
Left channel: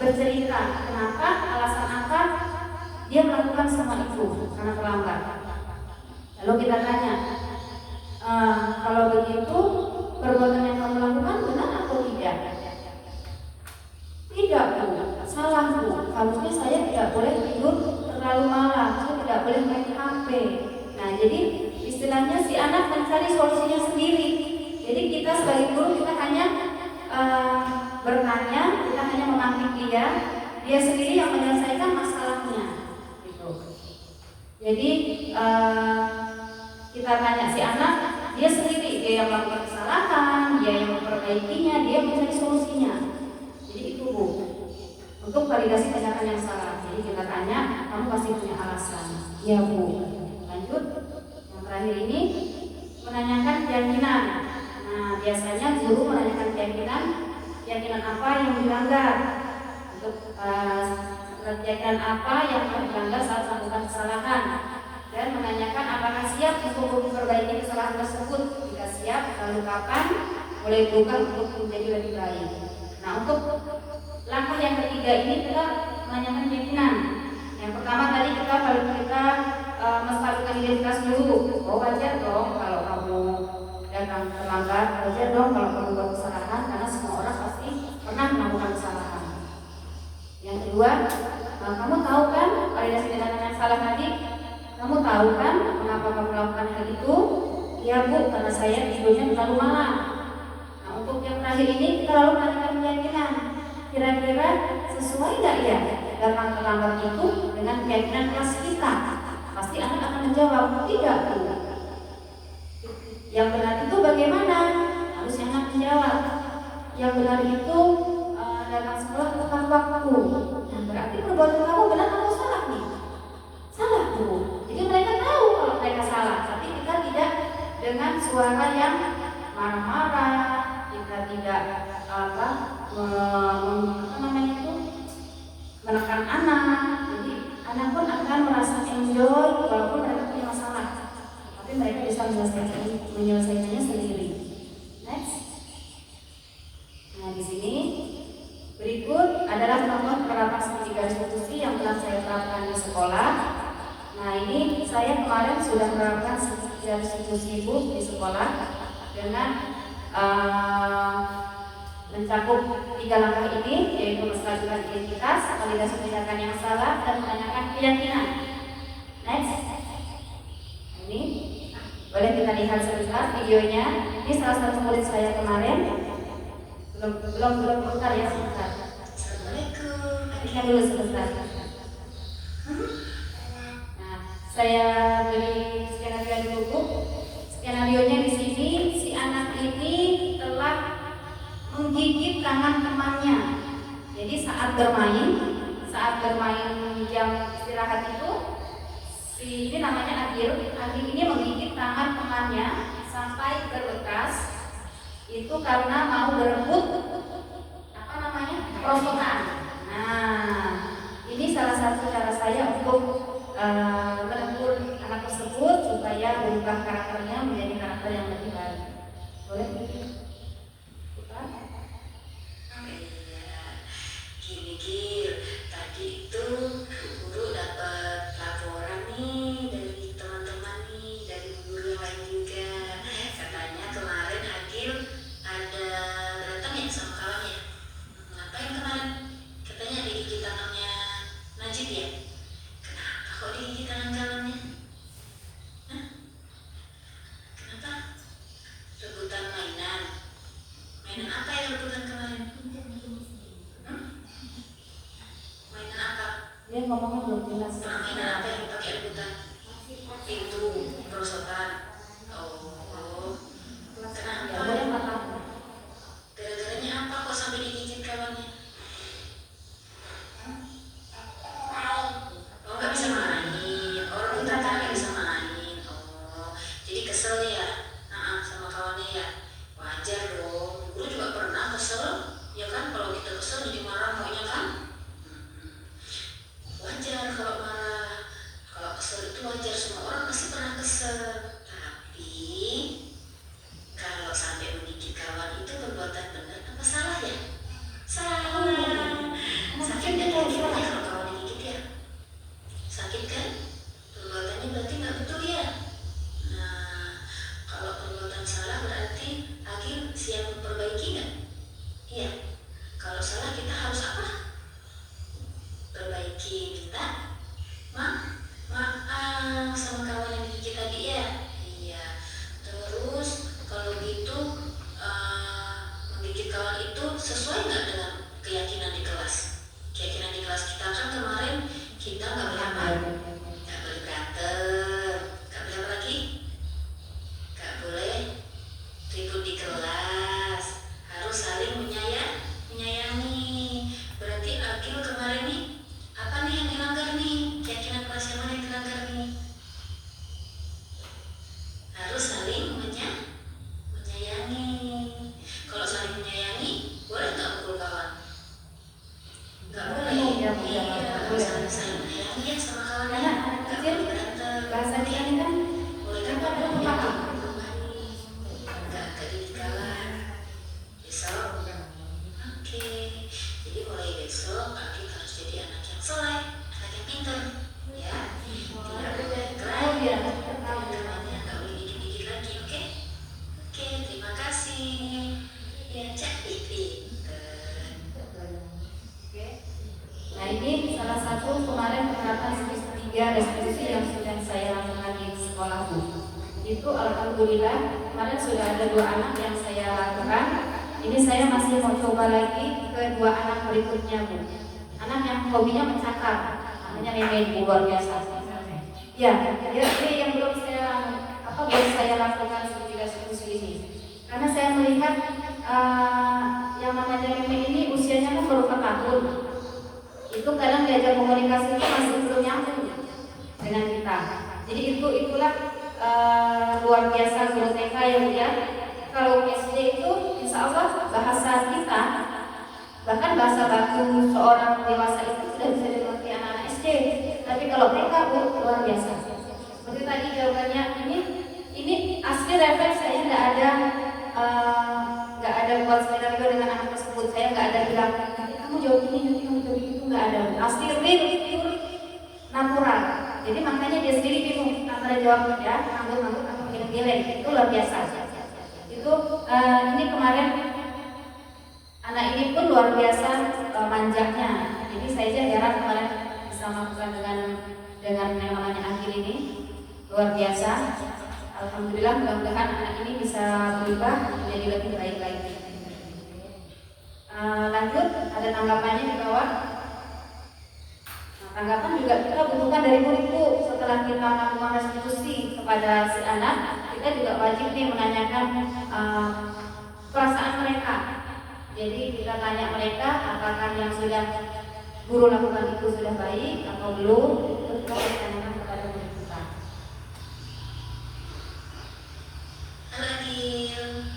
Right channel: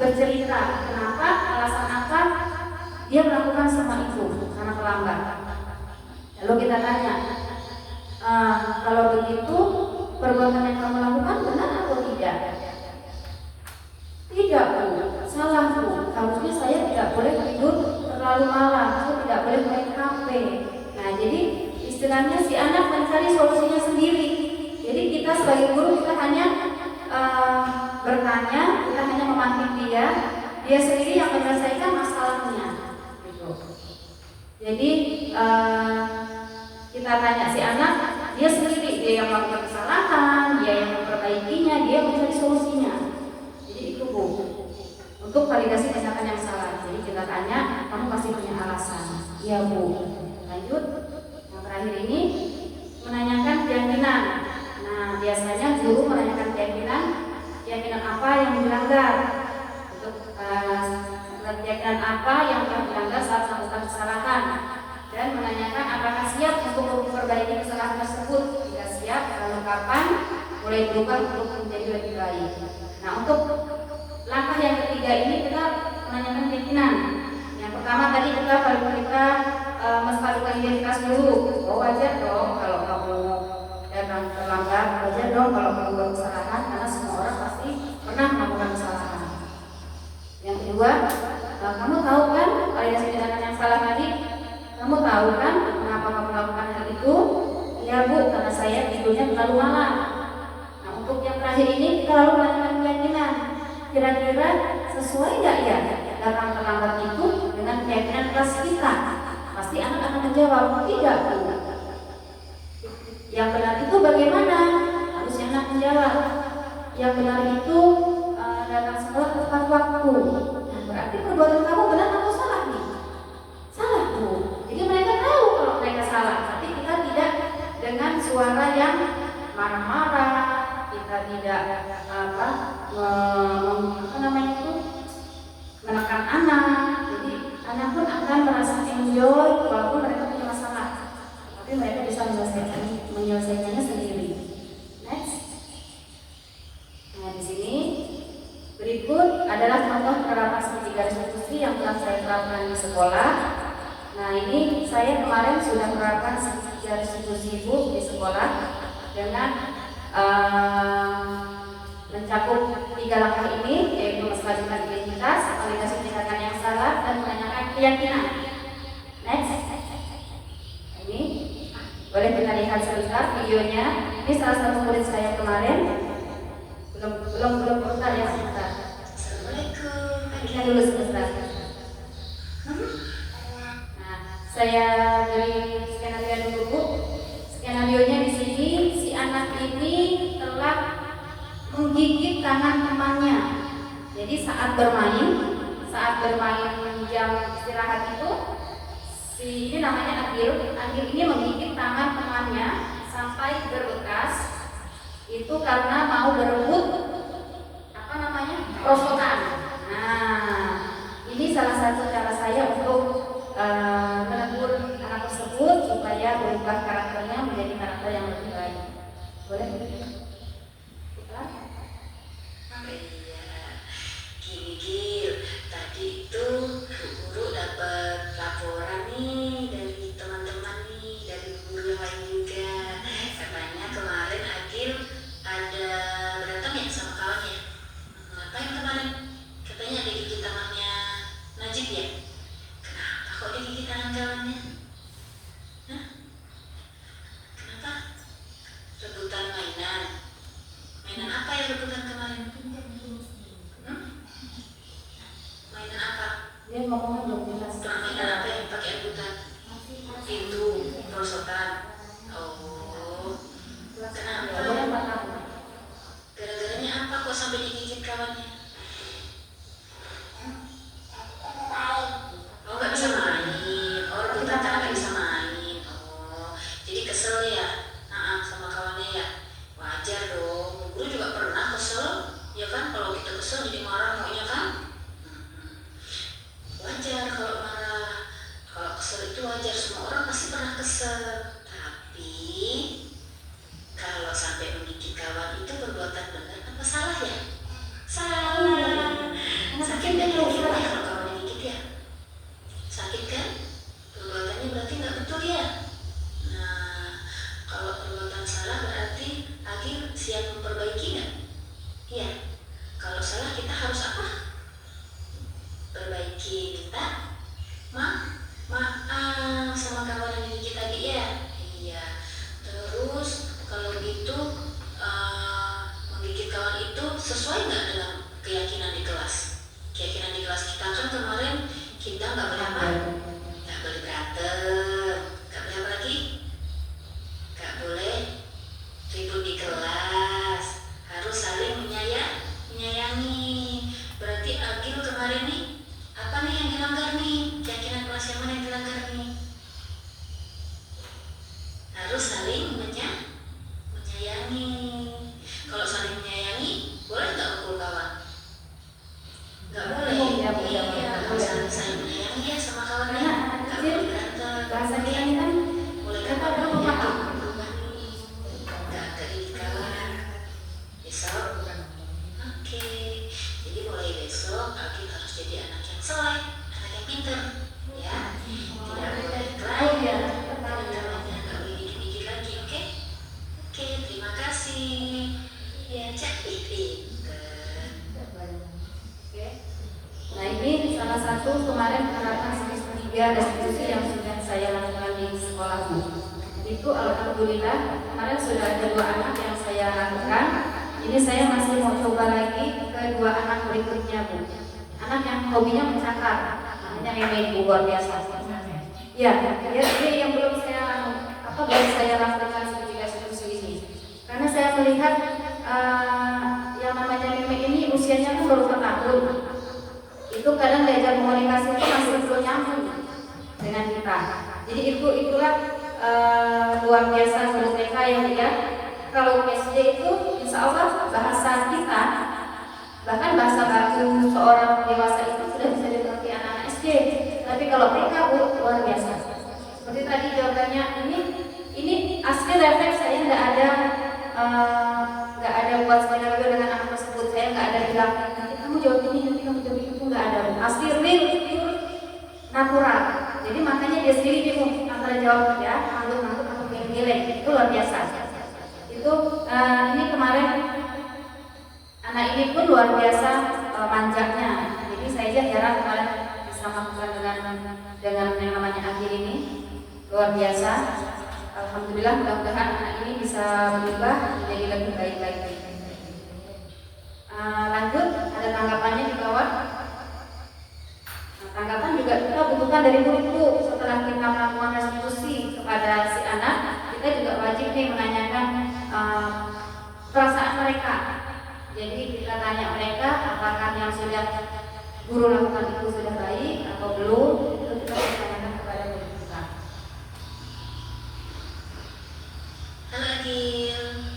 bercerita kenapa, alasan apa dia melakukan semua itu karena terlambat. Lalu kita tanya, kalau begitu perbuatan yang kamu lakukan benar atau tidak? Tidak Bu, salah Bu. Harusnya saya tidak boleh tidur terlalu malam, saya tidak boleh main HP. Nah, jadi istilahnya si anak mencari solusinya sendiri. Jadi kita sebagai guru kita hanya bertanya, kita hanya memanggil dia sendiri yang menyelesaikan masalahnya. Gitu. Jadi kita tanya si anak, dia sendiri, dia yang melakukan kesalahan, dia yang memperbaikinya, dia yang mencari solusinya. Jadi itu Bu, untuk validasi tindakan yang salah. Jadi kita tanya, kamu pasti punya alasan. Iya Bu. Lanjut, yang terakhir ini menanyakan keyakinan. Nah, biasanya guru menanyakan keyakinan apa yang dilanggar. Untuk keyakinan apa yang dilanggar saat melakukan kesalahan. Dan menanyakan apakah siap untuk memperbaiki kesalahan tersebut. Jika siap, lalu kapan mulai berubah untuk menjadi lebih baik. Nah, untuk langkah yang ketiga ini kita menanyakan keyakinan. Yang pertama tadi kita melakukan identitas dulu. Oh, wajar dong kalau kamu datang terlambat, wajar dong kalau kamu buat kesalahan, karena semua orang pasti pernah melakukan kesalahan. Yang kedua, kamu tahu kan validasi tindakan yang salah tadi? Kamu tahu kan kenapa kamu melakukan hal itu? Iya Bu, karena saya tidurnya terlalu malam. Nah, untuk yang terakhir ini kita lalu menanyakan keyakinan. Kira-kira sesuai nggak ya datang terlambat itu dengan keyakinan kelas kita? Pasti anak akan menjawab, tidak Bu. Yang benar itu bagaimana? Harusnya anak menjawab, yang benar itu datang sekolah tepat waktu. Nah, berarti perbuatan kamu benar atau salah nih? Salah Bu. Jadi mereka tahu kalau mereka salah, tapi kita tidak dengan suara yang marah-marah, kita tidak menekan anak. Jadi anak pun akan merasa enjoy walaupun mereka punya masalah, tapi mereka bisa menyelesaikannya sendiri. Next. Nah, di sini berikut adalah contoh penerapan segitiga restitusi yang telah saya terapkan di sekolah. Nah, ini saya kemarin sudah menerapkan segitiga restitusi Bu di sekolah dengan mencakup 3 langkah ini, yaitu menstabilkan identitas, validasi tindakan yang salah, dan menanyakan keyakinan. Next. Ini boleh kita lihat sebentar videonya. Ini salah satu murid saya kemarin. Belum putar ya, sebentar. Assalamualaikum. Lihat dulu sebentar. Nah, saya beri skenario dulu Bu. Skenarionya di sini, si anak ini telah menggigit tangan temannya. Jadi saat bermain jam istirahat itu, ini namanya Agil ini menggigit tangan temannya sampai berbekas. Itu karena mau berebut perosotan. Nah, ini salah satu cara saya untuk menegur anak tersebut supaya berubah karakternya menjadi karakter yang lebih baik. Boleh? Gil, tadi itu Dia ngomongnya belum jelas. Kenapa yang pakai rebutan? Itu perosotan. Oh, Ya, kenapa? boleh 4 tahun. Gara-garanya apa kok sampai digigit kawannya? Oh, nggak bisa main. Oh, rebutan karena nggak bisa main. Oh, jadi kesel ya? Nah, sama kawannya ya? Wajar dong. Guru juga pernah kesel, ya kan? Kalau kita kesel jadi marah maunya kan? Wajar kalau marah. Kalau kesel itu wajar, semua orang pasti pernah kesel. Tapi kalau sampai menggigit kawan itu perbuatan benar apa salah ya? Salah. Sakit nggak kira-kira kalau kawan digigit ya? Sakit kan? Perbuatannya berarti nggak betul ya? Nah, kalau perbuatan salah berarti Agil siap memperbaiki nggak? Iya. Kalau salah kita harus apa? Perbaiki, minta maaf sama kawan yang digigit tadi ya. Iya. Terus kalau gitu menggigit kawan itu sesuai nggak dengan keyakinan di kelas? Keyakinan di kelas kita kan kemarin kita nggak boleh apa? Nggak boleh berantem. Nggak boleh apa lagi? Nggak boleh ribut di kelas. Harus saling menyayangi. Berarti Agil kemarin nih apa nih yang dilanggar nih? Keyakinan kelas yang mana yang dilanggar nih? Harus saling menyayangi. Kalau saling menyayangi, boleh nggak pukul kawan? Nggak boleh. Iya, Iya, boleh. saling menyayangi ya sama kawan. Karena anak Nggak kecil boleh berantem. bahasa kita ini kan Boleh mereka nggak belum paham. nggak gigit kawan. Besok, oke. Jadi mulai besok Agil harus jadi anak yang soleh, anak yang pintar, ya. Tidak boleh Tahu ya. nggak boleh dikit-dikit lagi, oke? Oke, terima kasih. Ya, cek Nah, ini salah satu kemarin penerapan semester 3 restitusi yang sudah saya lakukan di sekolah Bu. Itu alhamdulillah kemarin sudah ada 2 anak yang saya lakukan. Ini saya masih mau coba lagi ke 2 anak berikutnya Bu. Anak yang hobinya mencakar, namanya Meme Bu, luar biasa. Ya, dia yang belum saya lakukan studi restitusi ini. Karena saya melihat yang namanya Meme ini usianya kan baru 4 tahun. Itu kadang diajar komunikasi itu masih belum nyambung dengan kita. Jadi itulah luar biasa guru TK yang dia kalau SD itu insya Allah bahasa kita bahkan bahasa baku seorang dewasa itu sudah bisa dimengerti anak-anak SD. Tapi kalau TK luar biasa. Seperti tadi jawabannya ini asli refleks saya nggak ada buat skenario dengan anak tersebut. Saya nggak ada bilang kamu jawab ini, nanti kamu jawab itu, nggak ada. Asli real, natural. Jadi makanya dia sendiri bingung antara jawab ya, anggut atau milih-milih. Itu luar biasa. Itu ini kemarin anak ini pun luar biasa manjanya. Jadi saya aja heran kemarin bisa melakukan dengan yang namanya Agil ini luar biasa. Alhamdulillah, mudah-mudahan anak ini bisa berubah menjadi lebih baik lagi. Lanjut, ada tanggapannya di bawah. Nah, tanggapan juga kita butuhkan dari guru. Setelah kita melakukan restitusi kepada si anak, kita juga wajib nih menanyakan perasaan mereka. Jadi kita tanya mereka apakah yang sudah guru lakukan itu sudah baik atau belum. Itu kita tanyakan kepada guru kita. Halo Agil.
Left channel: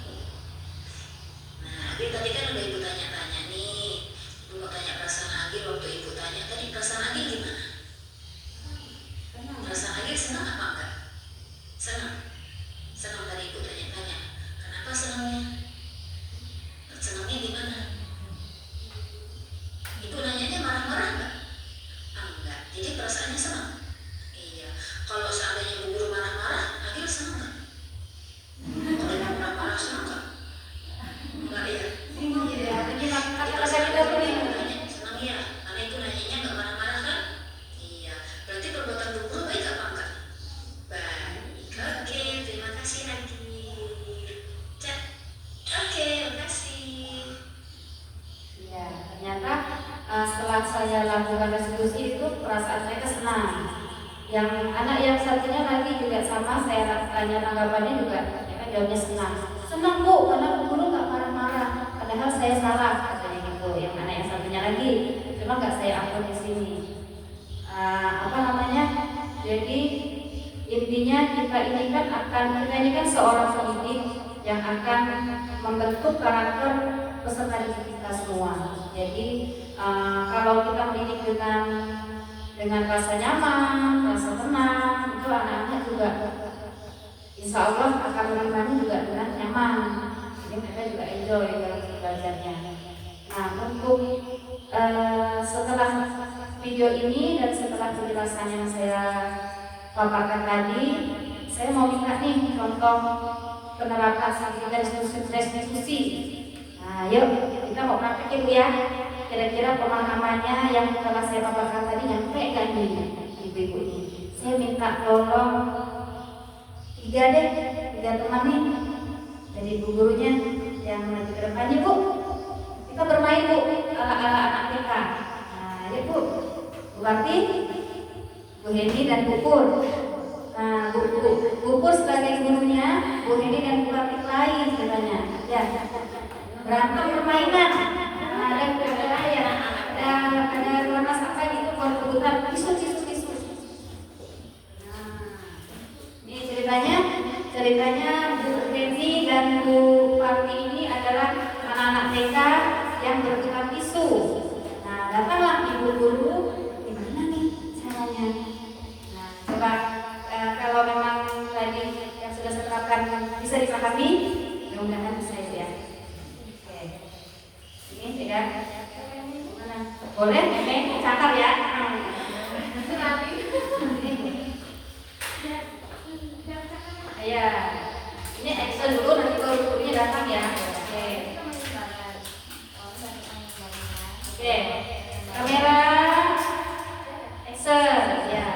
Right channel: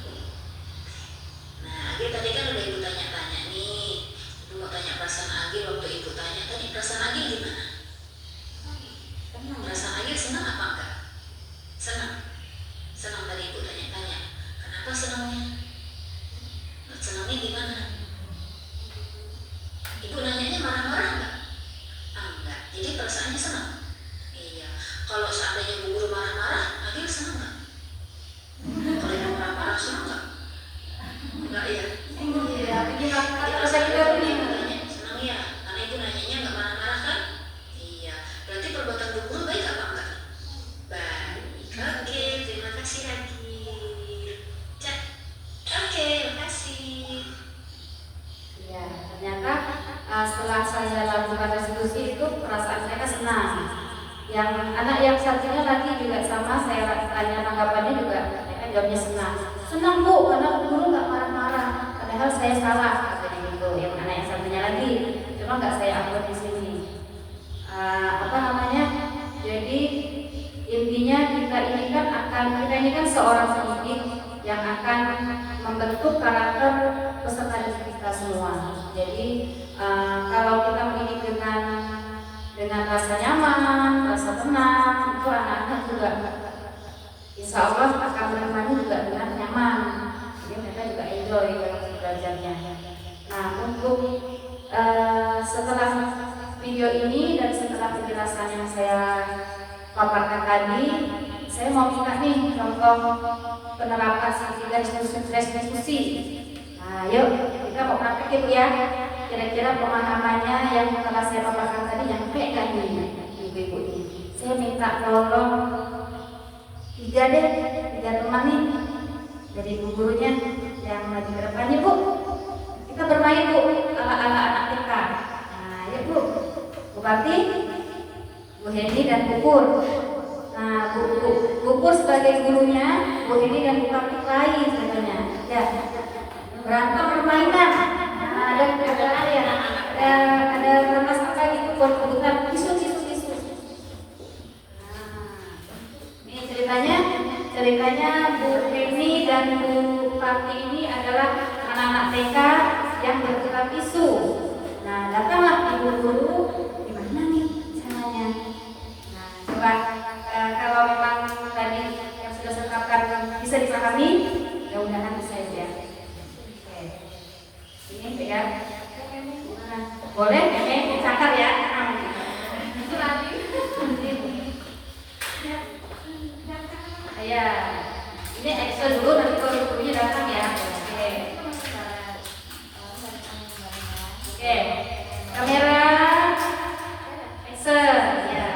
Nah, Agil tadi kan udah ibu tanya-tanya nih. Ibu mau tanya perasaan Agil waktu ibu tanya tadi, perasaan Agil gimana? Perasaan Agil senang apa enggak? Senang. Senang tadi ibu tanya-tanya. Kenapa senangnya? Senangnya gimana? Ibu nanyanya marah-marah enggak? Enggak. Jadi perasaannya senang. senang. Yang anak yang satunya lagi juga sama, saya tanya tanggapannya juga, mereka jawabnya senang. Senang Bu, karena guru nggak marah-marah. Padahal saya salah, katanya gitu. Yang anak yang satunya lagi, cuma nggak saya upload di sini. Jadi intinya kita ini kan seorang pendidik yang akan membentuk karakter peserta didik kita semua. Jadi kalau kita mendidik dengan rasa nyaman, rasa tenang, itu anak-anak juga insya Allah akan menerimanya juga dengan nyaman. Jadi mereka juga enjoy dalam belajarnya. Nah, untuk setelah video ini dan setelah penjelasan yang saya paparkan tadi, saya mau minta nih contoh penerapan diskusi. Nah, yuk kita mau praktekin ya. Kira-kira pemahamannya yang telah saya paparkan tadi nyampe nggak nih ibu-ibu ini? Saya minta tolong 3 teman nih dari ibu gurunya yang maju ke depan. Bu, kita bermain Bu, ala-ala anak TK. Nah, yuk Bu, Bu Karti, Bu Heni dan Bu Pur. Nah, Bu Pur sebagai gurunya, Bu Heni dan Bu Karti lain sebenarnya. Ya, berantem permainan. Ada kertas apa gitu buat kebutuhan tisu. Ini ceritanya Bu Heni dan Bu Karti ini adalah anak-anak TK yang bertukar tisu. Nah, datanglah ibu guru, gimana nih caranya? Nah, coba kalau memang tadi yang sudah saya terapkan bisa dipahami, mudah-mudahan bisa ya. Oke, ini ya. Boleh, meme cakar ya. Ya, ini action dulu nanti gurunya datang ya. Oke, kamera action ya.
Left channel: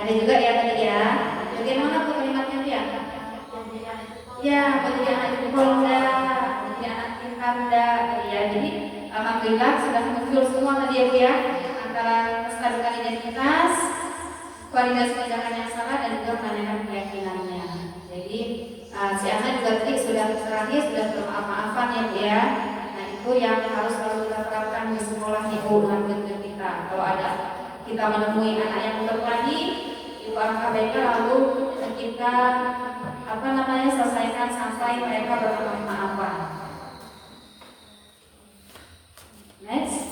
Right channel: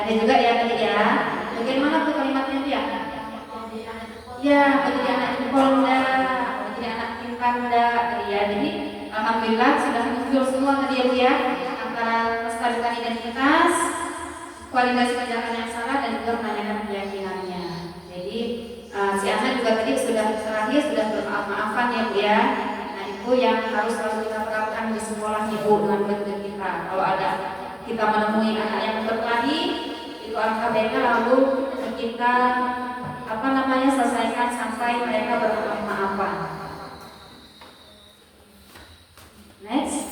Ada juga ya tadi ya. Bagian mana tuh kalimatnya dia? Ya, menjadi anak Polda, menjadi anak Panda, ya. Jadi alhamdulillah sudah muncul semua tadi ya, antara melestarikan identitas, kualitas tindakan yang salah dan juga menanyakan keyakinannya. Jadi si anak juga tadi sudah terakhir sudah bermaaf-maafan ya Bu ya. Nah itu yang harus selalu kita terapkan di sekolah Ibu dengan murid kita. Kalau ada kita menemui anak yang berkelahi, itu angka baiknya lalu kita selesaikan sampai mereka bermaaf-maafan. Next.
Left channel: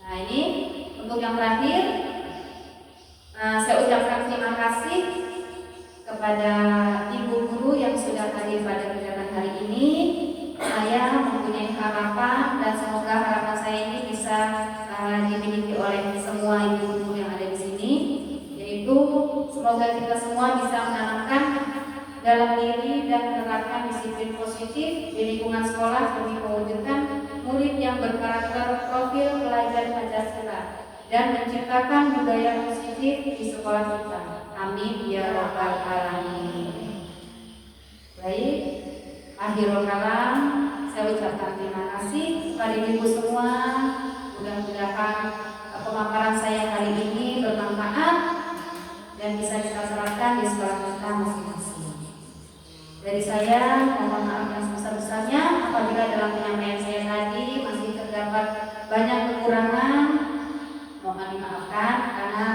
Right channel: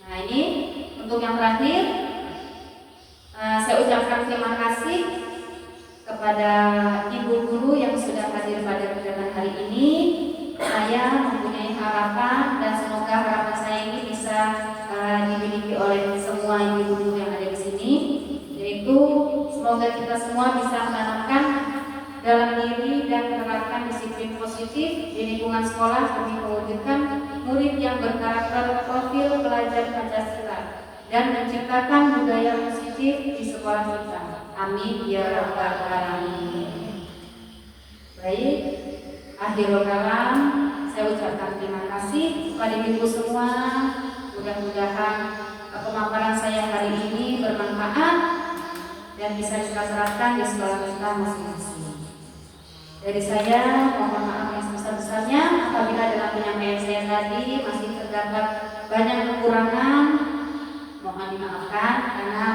Nah ini untuk yang terakhir, saya ucapkan terima kasih kepada ibu guru yang sudah hadir pada kegiatan hari ini. Saya mempunyai harapan dan semoga harapan saya ini bisa dimiliki oleh semua ibu guru yang ada di sini. Yaitu semoga kita semua bisa menanamkan dalam diri dan menerapkan disiplin positif di lingkungan sekolah demi mewujudkan murid yang berkarakter profil pelajar Pancasila dan menciptakan budaya positif di sekolah kita. Amin ya rabbal alamin. Baik, akhirul kalam, saya ucapkan terima kasih kepada ibu semua. Mudah-mudahan pemaparan saya kali ini bermanfaat dan bisa kita terapkan di sekolah kita masing-masing. Dari saya mohon maaf yang sebesar-besarnya apabila dalam penyampaian saya tadi masih terdapat banyak kekurangan, mohon dimaafkan karena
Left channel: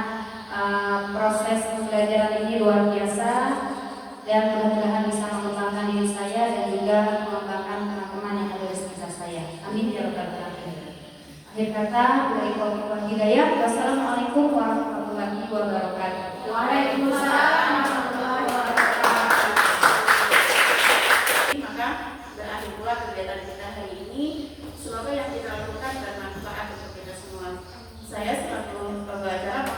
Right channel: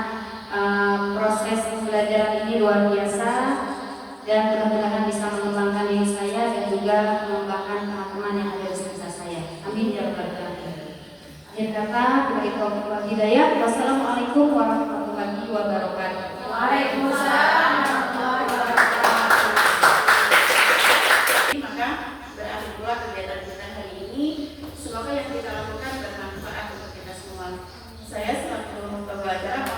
proses pembelajaran ini luar biasa dan mudah-mudahan bisa mengembangkan diri saya dan juga mengembangkan teman-teman yang ada di sekitar saya. Amin ya rabbal alamin. Akhir kata, billahi taufiq wal hidayah. Wassalamualaikum warahmatullahi wabarakatuh. Waalaikumsalam warahmatullahi wabarakatuh. Maka berakhir pula kegiatan kita hari ini. Semoga yang kita lakukan bermanfaat untuk kita semua. Saya selaku pembelajar